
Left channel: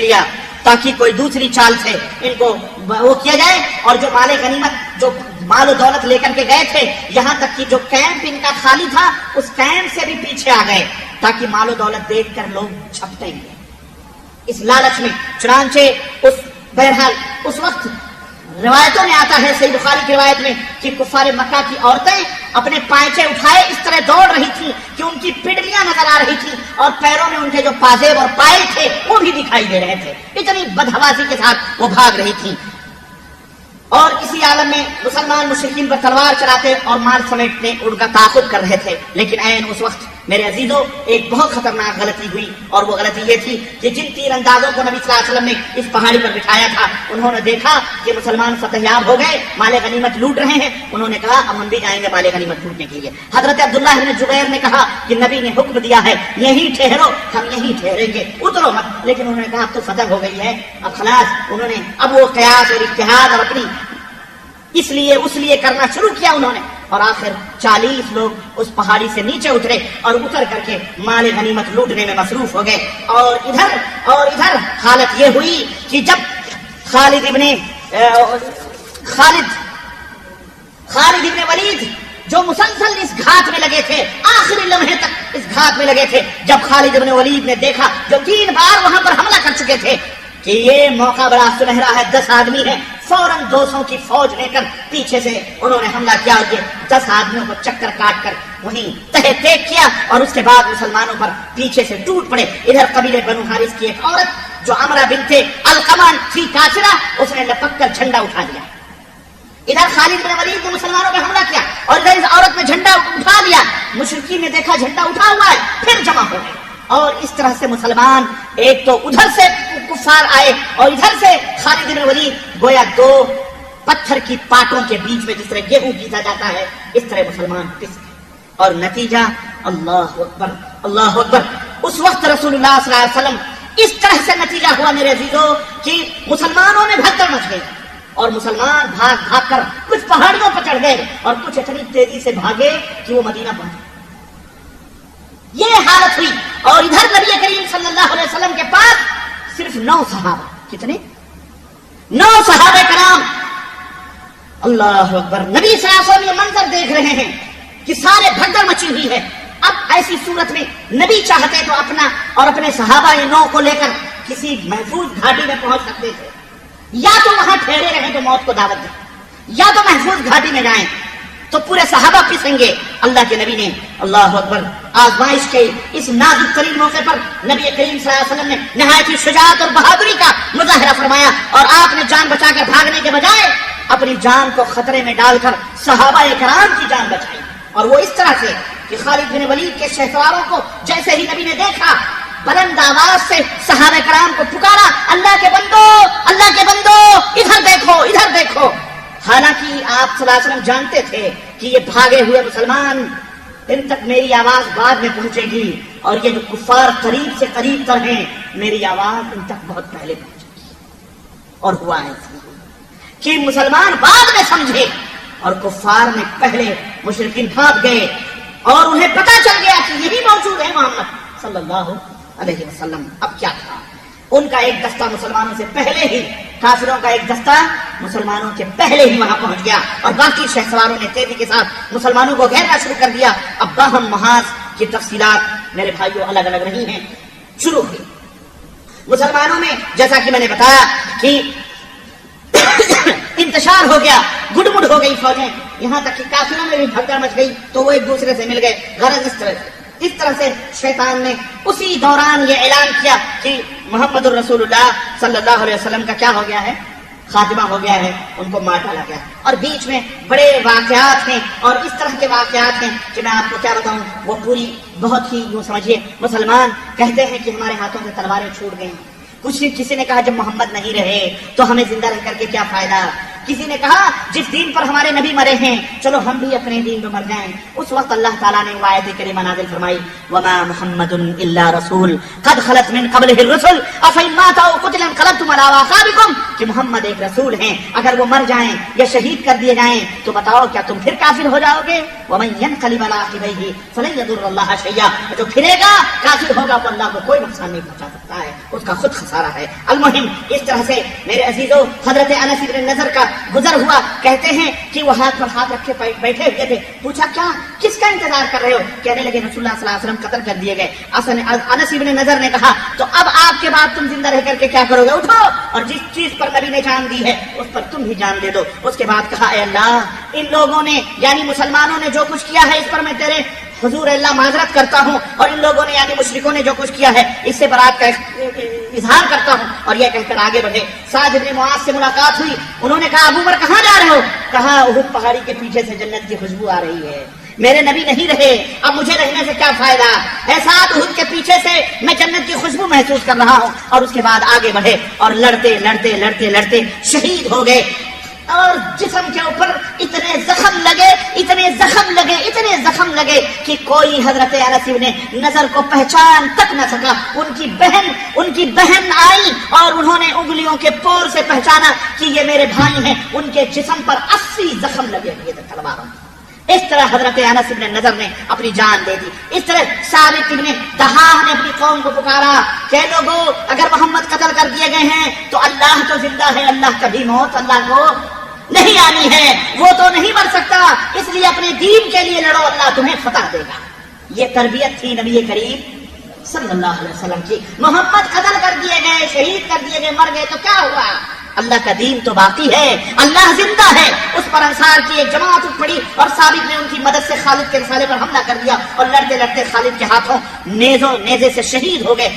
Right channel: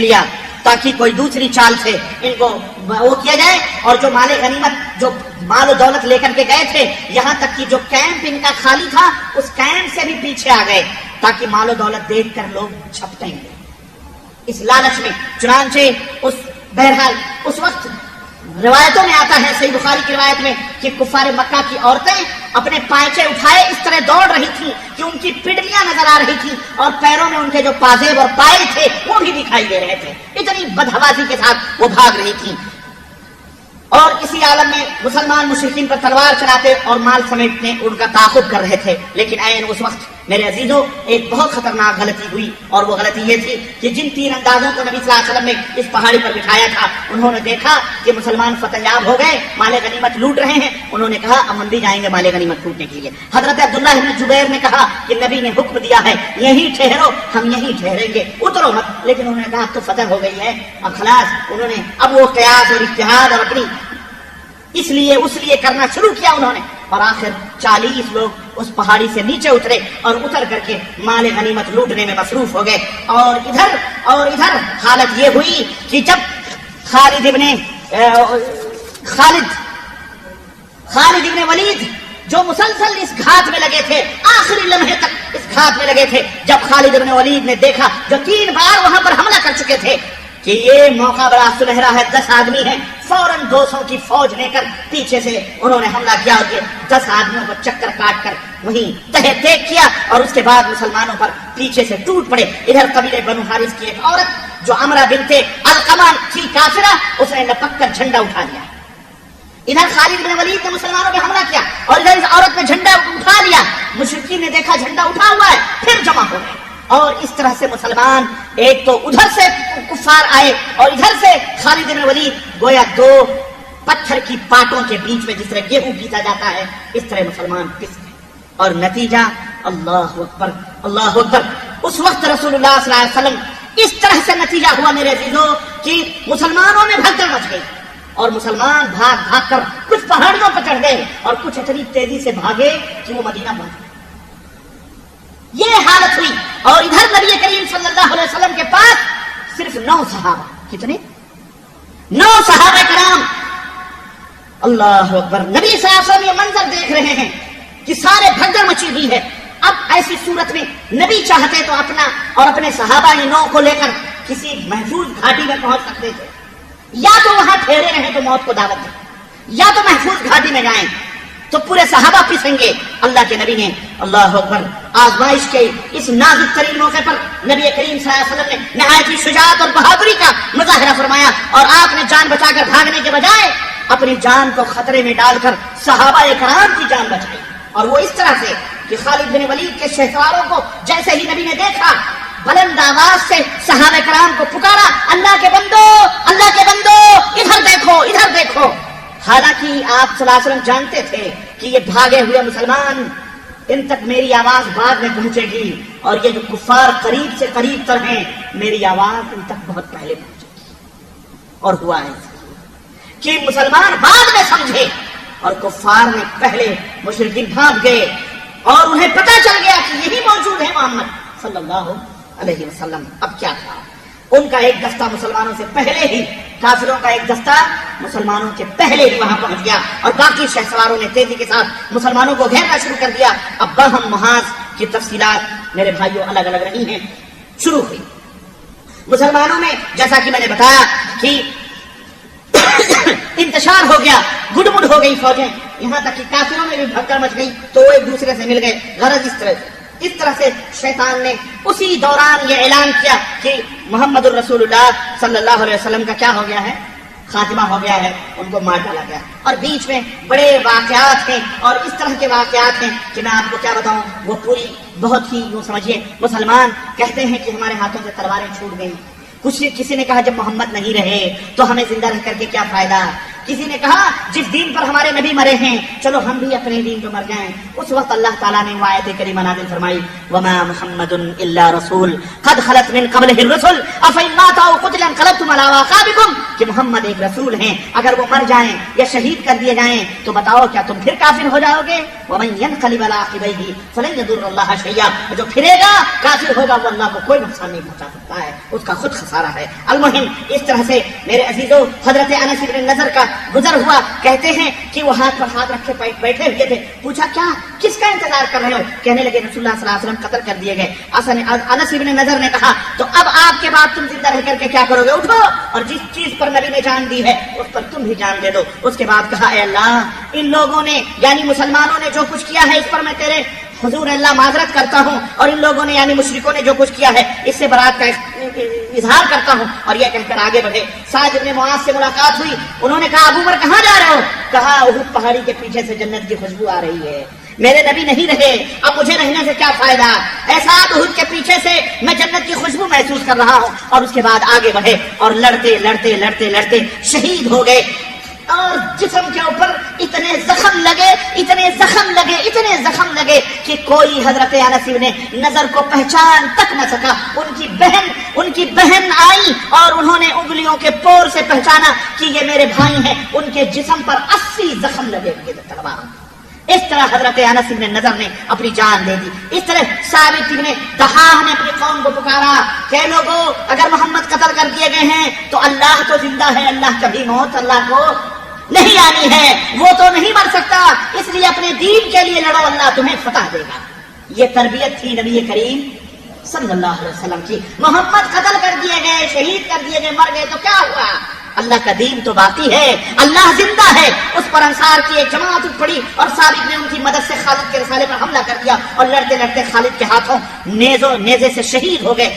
لیا تاکہ کوئی دوسری چال سے ان کو وہ کیا جائے. اور جو مال غنیمت، جو مال و دولت لے کر کے گئے تھے، یہاں تک کہ جو کیمپ ان کا خالی تھا اس کیمپ سے بھی پیچھے آ گئے تاکہ مال و دولت دیکھ کر لوگ چھپتے ہیں اس لالچ میں. چنانچہ اس وقت روایتوں میں آتا ہے، صحیح بخاری کی روایت میں، کہ کفار مکہ کی عورتیں اپنے پائچے اٹھائے اس طرح دوڑ رہی تھی کہ ان کی پنڈلیاں نظر آ رہی تھی اور پیروں میں ان کے جو پازیب اور پائے تھے وہ بھی دکھائی دے رہے تھے. اتنی بدحوازی کے ساتھ وہ بھاگ رہی تھی. اور اسی عالم میں مسلمان مشرکین پر تلوار چلاتے اور مال سمیٹنے ان کا تعاقب کر رہے تھے. لیکن عین اس وقت میرے عزیزوں ایک بہت خطرناک غلطی ہوئی، اور وہ غلطی یہ تھی کہ جن تیر اندازوں کو نبی صلی اللہ علیہ وسلم نے اس پہاڑی پر بٹھایا تھا انہوں نے دیکھا کہ مسلمان فتح یاب ہو گئے، مال غنیمت لوٹ رہے ہیں. انہوں نے کہا ہم بھی جائیں گے مال غنیمت لوٹنے کے لیے. حضرت عبداللہ بن زبیر نے کہا کہ نبی نے حکم دیا ہے یہیں ٹھہرو، ہم یہیں ٹھہریں گے، اترو مت. لیکن انہوں نے کہا اب تو فتح ہو گئی ہے، اب خلاص. انہوں نے اب وہ قیاس اور اجتہاد اور اپنی اس لیے کرنا شروع کیا انہوں نے. اور آخر 40 لوگ اس پہاڑی سے نیچے اترے اور اتر کر کے مال غنیمت لوٹنے میں مصروف ہو گئے. اور ادھر حالت یہ ہوئی کہ جب خالد ابن ولید جو مسلسل اس گھات میں لگے تھے، آخری لمحے تک اس گھات میں لگے تھے، جب خالد ابن ولید نے دیکھا جو 3 بار وہاں پر حملہ کر چکے تھے کہ یہ موقع بڑا سنہرا ہے، 10 آدمی ہیں، فوراً 200 کی فوج لے کر پیچھے سے انہوں نے حملہ کیا کہ 10 آدمیوں کو چکر کاٹ کر وہیں تہہ تیک کیا اور اس کے بعد مسلمانوں پر پیچھے سے ٹوٹ پڑے. ادھر قبیلے بنو حارث کی ایک عورت جو عمرہ بنت القمہ تھی کافرہ، اس نے لپک کر جھنڈا اٹھا لیا. ادھر خالد بن ولید نے مسلمانوں پہ حملہ کیا اور ادھر اس عورت نے جھنڈا اٹھا لیا. مشرکین نے دیکھا جھنڈا اٹھا ہوا ہے، پھر جمع ہو گئے. اور اس طرح سے مسلمان ایک تو ادھر سے کفار آئے اور ادھر سے خالد بن ولید گویا 2 پتھر کی پاٹوں کے بیچ میں جس طرح گیہوں پیسا جاتا ہے اس طرح مسلمان پس گئے. اور نتیجہ اللہ اکبر اللہ اکبر. اس وقت رسول اللہ صلی اللہ علیہ وسلم اس طرح سے نتیجہ ہوا میرے عزیزوں کہ مسلمانوں میں بھگدڑ مچ گئی اور مسلمان بھاگ کر کچھ پہاڑیوں پر چڑھ گئے اور کچھ اتنی تیزی سے بھاگے کہ وہ مدینہ پہنچ گئے. یہ حالت ہوئی. اور ادھر نبی کریم صلی اللہ علیہ وسلم کے پاس صرف 9 صحابہ. کتنے؟ 9 صحابہ کرام. اللہ اکبر. نبی صلی اللہ علیہ وسلم یہ منظر دیکھ رہے ہیں کہ سارے بھگدڑ مچی ہوئی ہے. اب ایسی صورت میں نبی چاہتے تو اپنا اور اپنے صحابہ یہ 9 کو لے کر کسی محفوظ گھاٹی میں پہنچ سکتے تھے، یا تو وہاں ٹھہرے رہیں تو موت کو دعوت دیں، یا تو محفوظ گھاٹی میں جائیں تو پورے صحابہ پسیں گے. اللہ کے نبی نے اللہ اکبر آزمائش کے اس نازک ترین موقع پر نبی کریم صلی اللہ علیہ وسلم نے نہایت ہی شجاعت اور بہادری کا مظاہرہ فرمایا اور آپ نے جان بچا کر بھاگنے کے بجائے اپنی جان کو خطرے میں ڈال کر صحابہ کرام کی جان بچائی. اور وہ اس طرح سے کہ خالد بن ولید کے شہسواروں کو جیسے ہی نبی نے دیکھا بلند آواز سے صحابہ کرام کو پکارا، اللہ کے بندو ادھر دیکھو ادھر دیکھو. حالانکہ آپ صلی اللہ علیہ وسلم جانتے تھے کہ یہ بھاگے ہوئے مسلمان ان تک میری آواز بعد میں پہنچے گی اور یہ جو کفار قریب سے قریب تر ہیں میری آواز ان تک بہت پہلے پہنچے گی. اور ہوا ہے کہ مسلمان بعد میں سمجھے اور کفار نے پہلے مشرکین بھاگ گئے اور انہیں پتہ چل گیا کہ یہی موجود ہے محمد صلی اللہ علیہ وسلم. اب کیا تھا؟ ان کا ایک دستہ مسلمانوں سے پہلے ہی، کافروں کا ایک دستہ مسلمانوں سے پہلے ہی وہاں پہنچ گیا اور باقی شہسواروں نے تیزی کے ساتھ مسلمانوں کو گھیرنا شروع کر دیا. اب باہم محاذ کی تفصیلات میرے بھائیوں الگ الگ رہی ہیں. شروع ہوئی مسلمانوں میں جیسا کہ میں نے بتایا کہ انتشار ہو گیا، گڈ مڈ ہو گئی فوجیں، یہاں تک کہ کافروں میں بھی بھگدڑ مچ گئی تو وہ ایک دوسرے سے مل گئے. غرض اس طرح سے شیطان نے اسی دوران یہ اعلان کیا کہ محمد الرسول اللہ صلی اللہ علیہ وسلم کا کیا ہو گیا ہے؟ خاتمہ ہو گیا ہے، ان کو مار ڈالا گیا. اور بیچ میں بڑے واقعات ہیں اور اس طرح کے واقعات ہیں کہ میں آپ کو کیا بتاؤں، وہ پوری بہت ہی وہ سمجھیے. مسلمان کہتے ہیں کہ ہمارے ہاتھوں سے تلواریں چھوٹ گئی. کسی نے کہا جب محمد نہیں رہے تو ہمیں زندہ رہ کر کے کیا فائدہ. کسی نے کہا جس دین پر ہمارے نبی مرے ہیں چلو ہم بھی اپنے دین پر مر جائیں. اس وقت اللہ تعالیٰ نے وہ آیت کریمہ نازل فرمائی وما محمد الا رسول قد خلت من قبله الرسل افإن مات أو قتل انقلبتم على أعقابكم، کہ محمد ایک رسول ہیں، اگر وہ مر جائیں یا شہید کر دیے جائیں تو بتاؤ کیا تم پھر کافر ہو جاؤ گے؟ ومن ينقلب على عقبيه فلن يضر الله شيئا، جو پھرے گا کافر ہوگا وہ اللہ کو کوئی نقصان نہیں پہنچا سکتا ہے، اس کا خود خسارہ ہے. المہم اس طرح سے میرے عزیزو حضرت انس بن نضر کا گزر ہوا. کہتے ہیں کہ وہ ہاتھ پر ہاتھ رکھے بیٹھے ہوئے تھے. پوچھا کیا کس کا انتظار کر رہے ہو؟ کہنے لگے رسول اللہ صلی اللہ علیہ وسلم قتل کر دیے گئے. انس بن نضر نے کہا تو اب آپ کے بعد تم زندہ رہ کر کے کیا کرو گے؟ اٹھو اور جس چیز پر نبی نے جان دی ہے اس پر تم بھی جان دے دو. اس کے بعد کہا اے اللہ ان لوگوں نے یعنی مسلمانوں نے جو کچھ کیا ہے اس پر میں تیرے حضور اللہ معذرت کرتا ہوں، اور ان لوگوں نے یعنی مشرکوں نے جو کچھ کیا ہے اس سے برات کا اظہار کرتا ہوں. اور یہ کہہ کر آگے بڑھے. سعد بن معاذ سے ملاقات ہوئی. انہوں نے کہا ابو بکر کہاں جا رہے ہو؟ کہا احد پہاڑی کے پیچھے سے جنت کی خوشبو آ رہی ہے. میرے نبی نہیں رہے، اب مجھے رہنے سے کیا فائدہ؟ ایسا احد کے پیچھے سے میں جنت کی خوشبو محسوس کر رہا ہوں. اور اس کے بعد آگے بڑھے اور لڑتے لڑتے لڑتے لڑتے شہید ہو گئے. اور جسم کے اوپر اتنے زخم لگے اتنے زخم لگے اتنے زخم لگے کہ کوئی حضرت انس بن نضر کو پہچان تک نہ سکا. ان کی بہن آئی اور انہوں نے انگلیوں کے پور سے پہچانا کہ یہ میرے بھائی ہیں. ان کے جسم پر 80 زخم لگے ہوئے تھے تلواروں. اس طرح حضرت انس بن نضر نے اپنی جان دے دی. اس طرح ثابت بن دحاح نے اپنی قوم کو پکارا کہ لوگوں اگر محمد قتل کر دیے گئے ہیں تو اللہ تو زندہ ہے، اللہ کبھی موت اللہ کو نہیں آنی ہے، وہ تو نہیں مر سکتا، اس لیے اپنے دین کے لیے لڑو، اللہ تمہیں فتح دے گا. یہ تربیت تھی نبی کریم صلی اللہ علیہ وسلم کی. محمد قتل کر دیے گئے، شہید کر دیے گئے، مر گئے تو کیا ہوا؟ اللہ کا دین تو باقی ہے، اللہ زندہ ہے. اس پر انصار کی ایک جماعت اٹھ پڑی اور ثابت نے ان کی مدد سے خالد کے رسانے پر حملہ کر دیا اور لڑتے لڑتے خالد کے ہاتھوں نیزے سے شہید ہو گئے.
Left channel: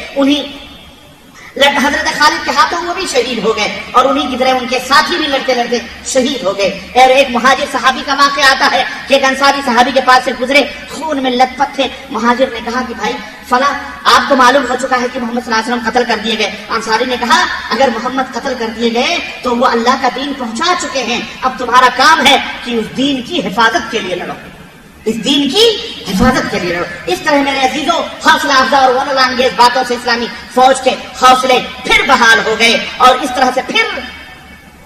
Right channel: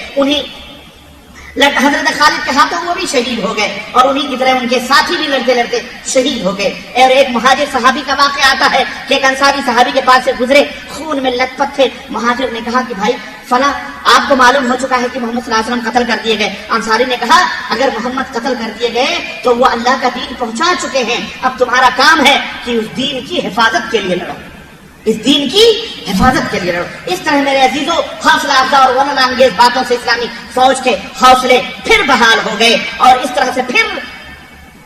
حضرت خالد کے ہاتھوں وہ بھی شہید ہو گئے اور انہی کی طرح ان کے ساتھی بھی لڑتے لڑتے شہید ہو گئے. اور ایک مہاجر صحابی کا واقعہ آتا ہے کہ ایک انصاری صحابی کے پاس سے گزرے، خون میں لت پت تھے. مہاجر نے کہا کہ بھائی فلاں آپ کو معلوم ہو چکا ہے کہ محمد صلی اللہ علیہ وسلم قتل کر دیے گئے. انصاری نے کہا اگر محمد قتل کر دیے گئے تو وہ اللہ کا دین پہنچا چکے ہیں، اب تمہارا کام ہے کہ اس دین کی حفاظت کے لیے لڑو، اس دین کی حفاظت کے لیے لڑو. اس طرح میرے عزیزوں حوصلہ افزا اور غلط انگیز باتوں سے اسلامی فوج کے حوصلے پھر بحال ہو گئے اور اس طرح سے پھر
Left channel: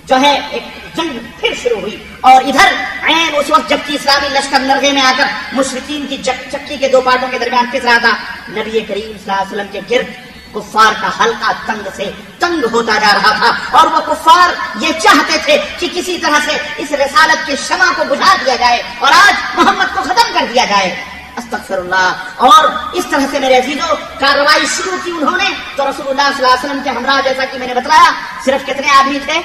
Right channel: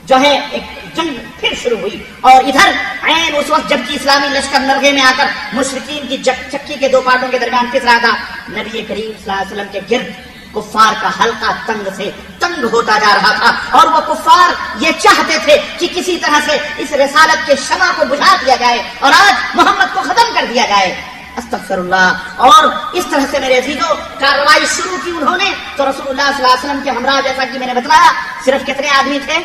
جو ہے ایک جنگ پھر شروع ہوئی. اور ادھر عین اس وقت جبکہ اسلامی لشکر نرغے میں آ کر مشرکین کی چکی کے دو پارٹوں کے درمیان پس رہا تھا، نبی کریم صلی اللہ علیہ وسلم کے گرد کفار کا حلقہ تنگ سے تنگ ہوتا جا رہا تھا. اور وہ کفار یہ چاہتے تھے کہ کسی طرح سے اس رسالت کے شمع کو بجھا دیا جائے اور آج محمد کو ختم کر دیا جائے. استغفر اللہ. اور اس طرح سے میرے عزیزوں کارروائی شروع کی انہوں نے تو رسول اللہ صلی اللہ علیہ وسلم کے ہمراہ جیسا کہ میں نے بتلایا صرف کتنے آدمی تھے؟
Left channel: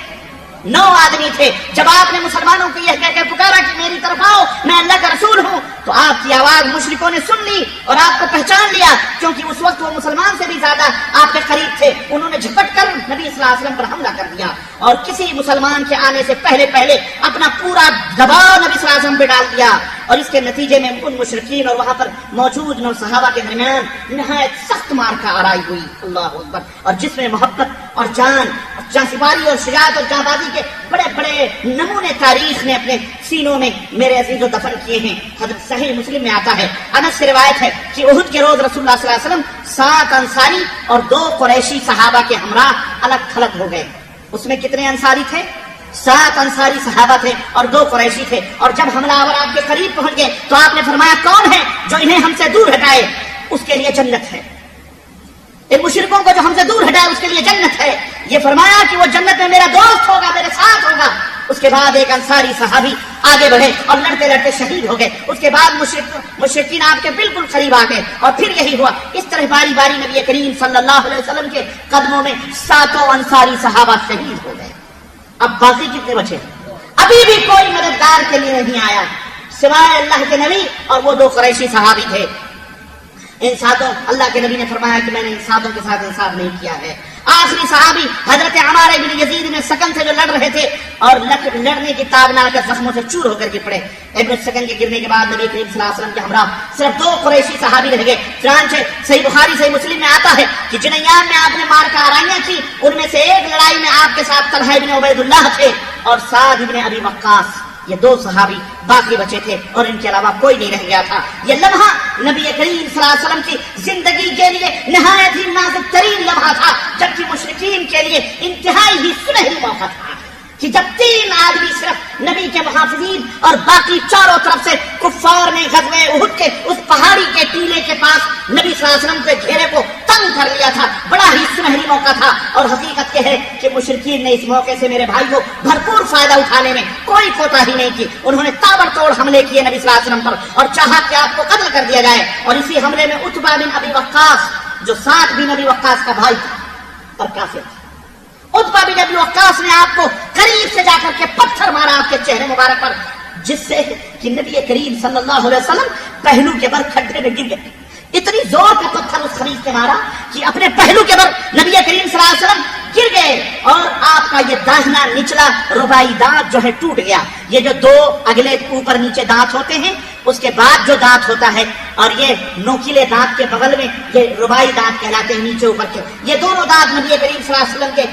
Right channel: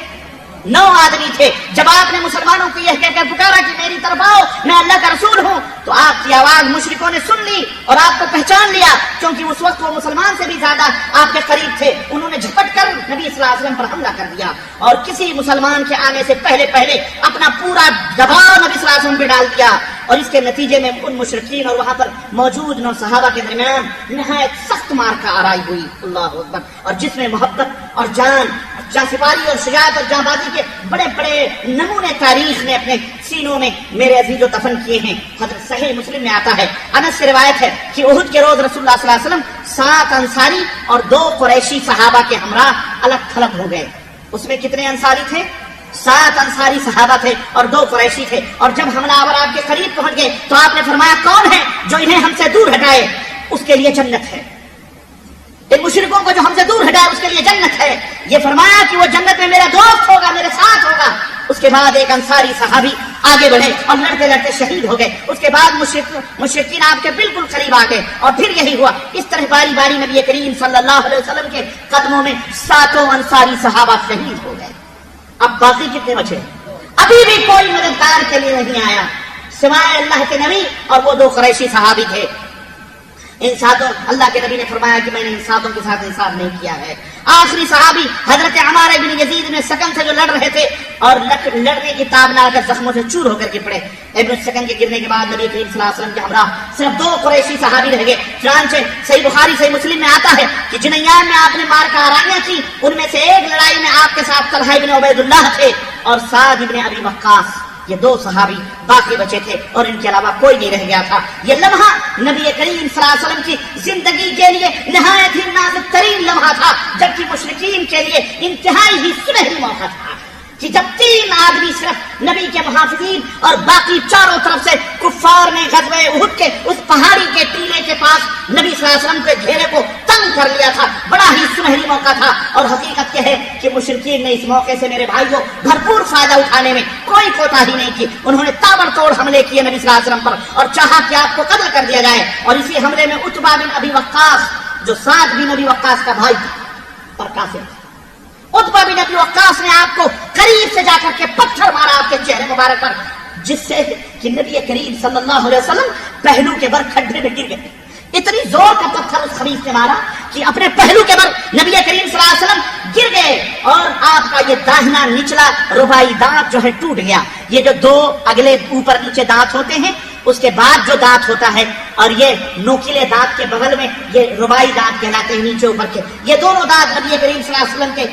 9 آدمی تھے. جب آپ نے مسلمانوں کو یہ کہہ کر پکارا کہ میری طرف آؤ میں اللہ کا رسول ہوں تو آپ کی آواز مشرکوں نے سن لی اور آپ کو پہچان لیا، کیونکہ اس وقت وہ مسلمان سے بھی زیادہ آپ کے قریب تھے. انہوں نے جھپٹ کر نبی صلی اللہ علیہ وسلم پر حملہ کر دیا اور کسی مسلمان کے آنے سے پہلے اپنا پورا دباؤ نبی صلی اللہ علیہ وسلم پہ ڈال دیا. اور اس کے نتیجے میں ان مشرکین اور وہاں پر موجود 9 صحابہ کے درمیان نہایت سخت مار کا آرائی ہوئی. اللہ اکبر. اور جس میں محبت اور جان سپاری اور شجاعت اور جاں بازی کے بڑے بڑے نمونے تاریخ نے اپنے سینوں میں میرے عزیز و دفن کیے ہیں. حضرت صحیح مسلم میں آتا ہے، انس سے روایت ہے کہ احد کے روز رسول اللہ صلی اللہ علیہ وسلم 7 انصاری اور 2 قریشی صحابہ کے ہمراہ الگ تھلگ ہو گئے. اس میں کتنے انصاری تھے؟ 7 انصاری صحابہ تھے اور 2 قریشی تھے. اور جب حملہ آور آپ کے قریب پہنچ گئے تو آپ نے فرمایا کون ہے جو انہیں ہم سے دور ہٹائے اس کے لیے جنت ہے، ان مشرکوں کو جو ہم سے دور ہٹائے اس کے لیے جنت ہے. یہ فرمایا کہ وہ جنت میں میرا دوست ہوگا، میرے ساتھ ہوگا. اس کے بعد ایک انصاری صحابی آگے بڑھے اور لڑتے لڑتے شہید ہو گئے. اس کے بعد مشرکین آپ کے بالکل قریب آ گئے اور پھر یہی ہوا. اس طرح باری باری نبی کریم صلی اللہ علیہ وسلم کے قدموں میں 7 انصاری صحابہ شہید ہو گئے. اب باقی کتنے بچے؟ ابھی بھی کوئی مددگار کے لیے نہیں آیا سوائے اللہ کے نبی اور وہ 2 قریشی صحابی تھے. ان 7 اللہ کے نبی نے فرمایا کہ میں نے ان 7 کے ساتھ انصاف نہیں کیا ہے. آخری صحابی حضرت عمار بن یزید بن سکن سے جو لڑ رہے تھے اور لڑنے کی تاب نہ کر زخموں سے چور ہو کر کے پڑے. ابن سکن کے گرنے کے بعد نبی کریم صلی اللہ علیہ وسلم کے ہمراہ صرف 2 قریشی صحابی رہ گئے. چنانچہ صحیح بخاری صحیح مسلم میں آتا ہے کہ جن ایام میں آپ نے مار کا آرائیاں کی ان میں سے ایک لڑائی میں آپ کے ساتھ طلحہ بن عبید اللہ تھے اور سعد بن ابی وقاص. یہ 2 صحابی باقی بچے تھے اور ان کے علاوہ کوئی نہیں رہ گیا تھا. یہ لمحہ نبی کریم صلی اللہ علیہ وسلم کی زندگی کے لیے نہایت ہی نازک ترین لمحہ تھا، جبکہ مشرکین کے لیے انتہائی ہی سنہری موقع تھا کہ جب 3 آدمی صرف نبی کے محافظین اور باقی چاروں طرف سے کفار نے غزوہ احد کے اس پہاڑی کے ٹیلے کے پاس نبی صلی اللہ علیہ وسلم کے گھیرے کو تنگ کر لیا تھا. بڑا ہی سنہری موقع تھا. اور حقیقت یہ ہے کہ مشرکین نے اس موقع سے میرے بھائی کو بھرپور فائدہ اٹھانے میں کوئی کوتاہی نہیں کی. انہوں نے تابڑتوڑ حملے کیے نبی صلی اللہ علیہ وسلم پر اور چاہا کہ آپ کو قتل کر دیا جائے. اور اسی حملے میں عتبہ بن ابی وقاص جو سعد بن ابی وقاص کا بھائی تھا اور کافر تھا، عتبہ بن ابی وقاص نے آپ کو قریب سے جا کر کے پتھر مارا آپ کے چہرے مبارک پر، جس سے کہ نبی کریم صلی اللہ علیہ وسلم پہلو کے بر کھڈے میں گر گئے. اتنی زور کا پتھر اس خریف نے مارا کہ اپنے پہلو کے بر نبی کریم صلی اللہ علیہ وسلم گر گئے اور آپ کا یہ داہنا نچلا ربائی دانت جو ہے ٹوٹ گیا. یہ جو دو اگلے اوپر نیچے دانت ہوتے ہیں اس کے بعد جو دانت ہوتا ہے اور یہ نوکیلے دانت کے بغل میں یہ ربائی دانت کہلاتے ہیں نیچے اوپر کے، یہ دونوں دانت نبی کریم صلی اللہ علیہ وسلم کے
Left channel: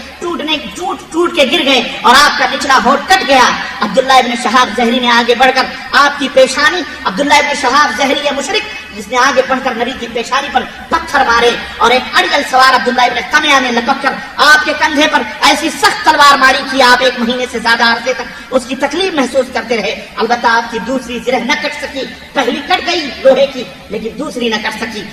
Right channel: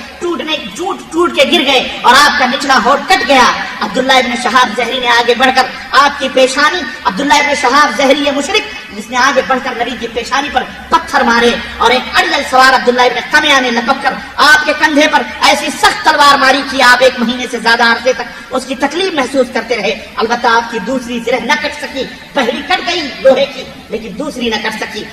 ٹوٹ کے گر گئے اور آپ کا نچلا ہونٹ کٹ گیا. عبداللہ ابن شہاب زہری نے آگے بڑھ کر آپ کی پیشانی، عبداللہ ابن شہاب زہری یہ مشرک جس نے آگے بڑھ کر نبی کی پیشانی پر پتھر مارے اور ایک اڑیل سوار عبداللہ ابن قمیہ نے لپک کر آپ کے کندھے پر ایسی سخت تلوار ماری کہ آپ 1 مہینے سے زیادہ عرصے تک اس کی تکلیف محسوس کرتے رہے. البتہ آپ کی دوسری زرہ نہ کٹ سکی، پہلی کٹ گئی لوہے کی لیکن دوسری نہ کٹ سکی.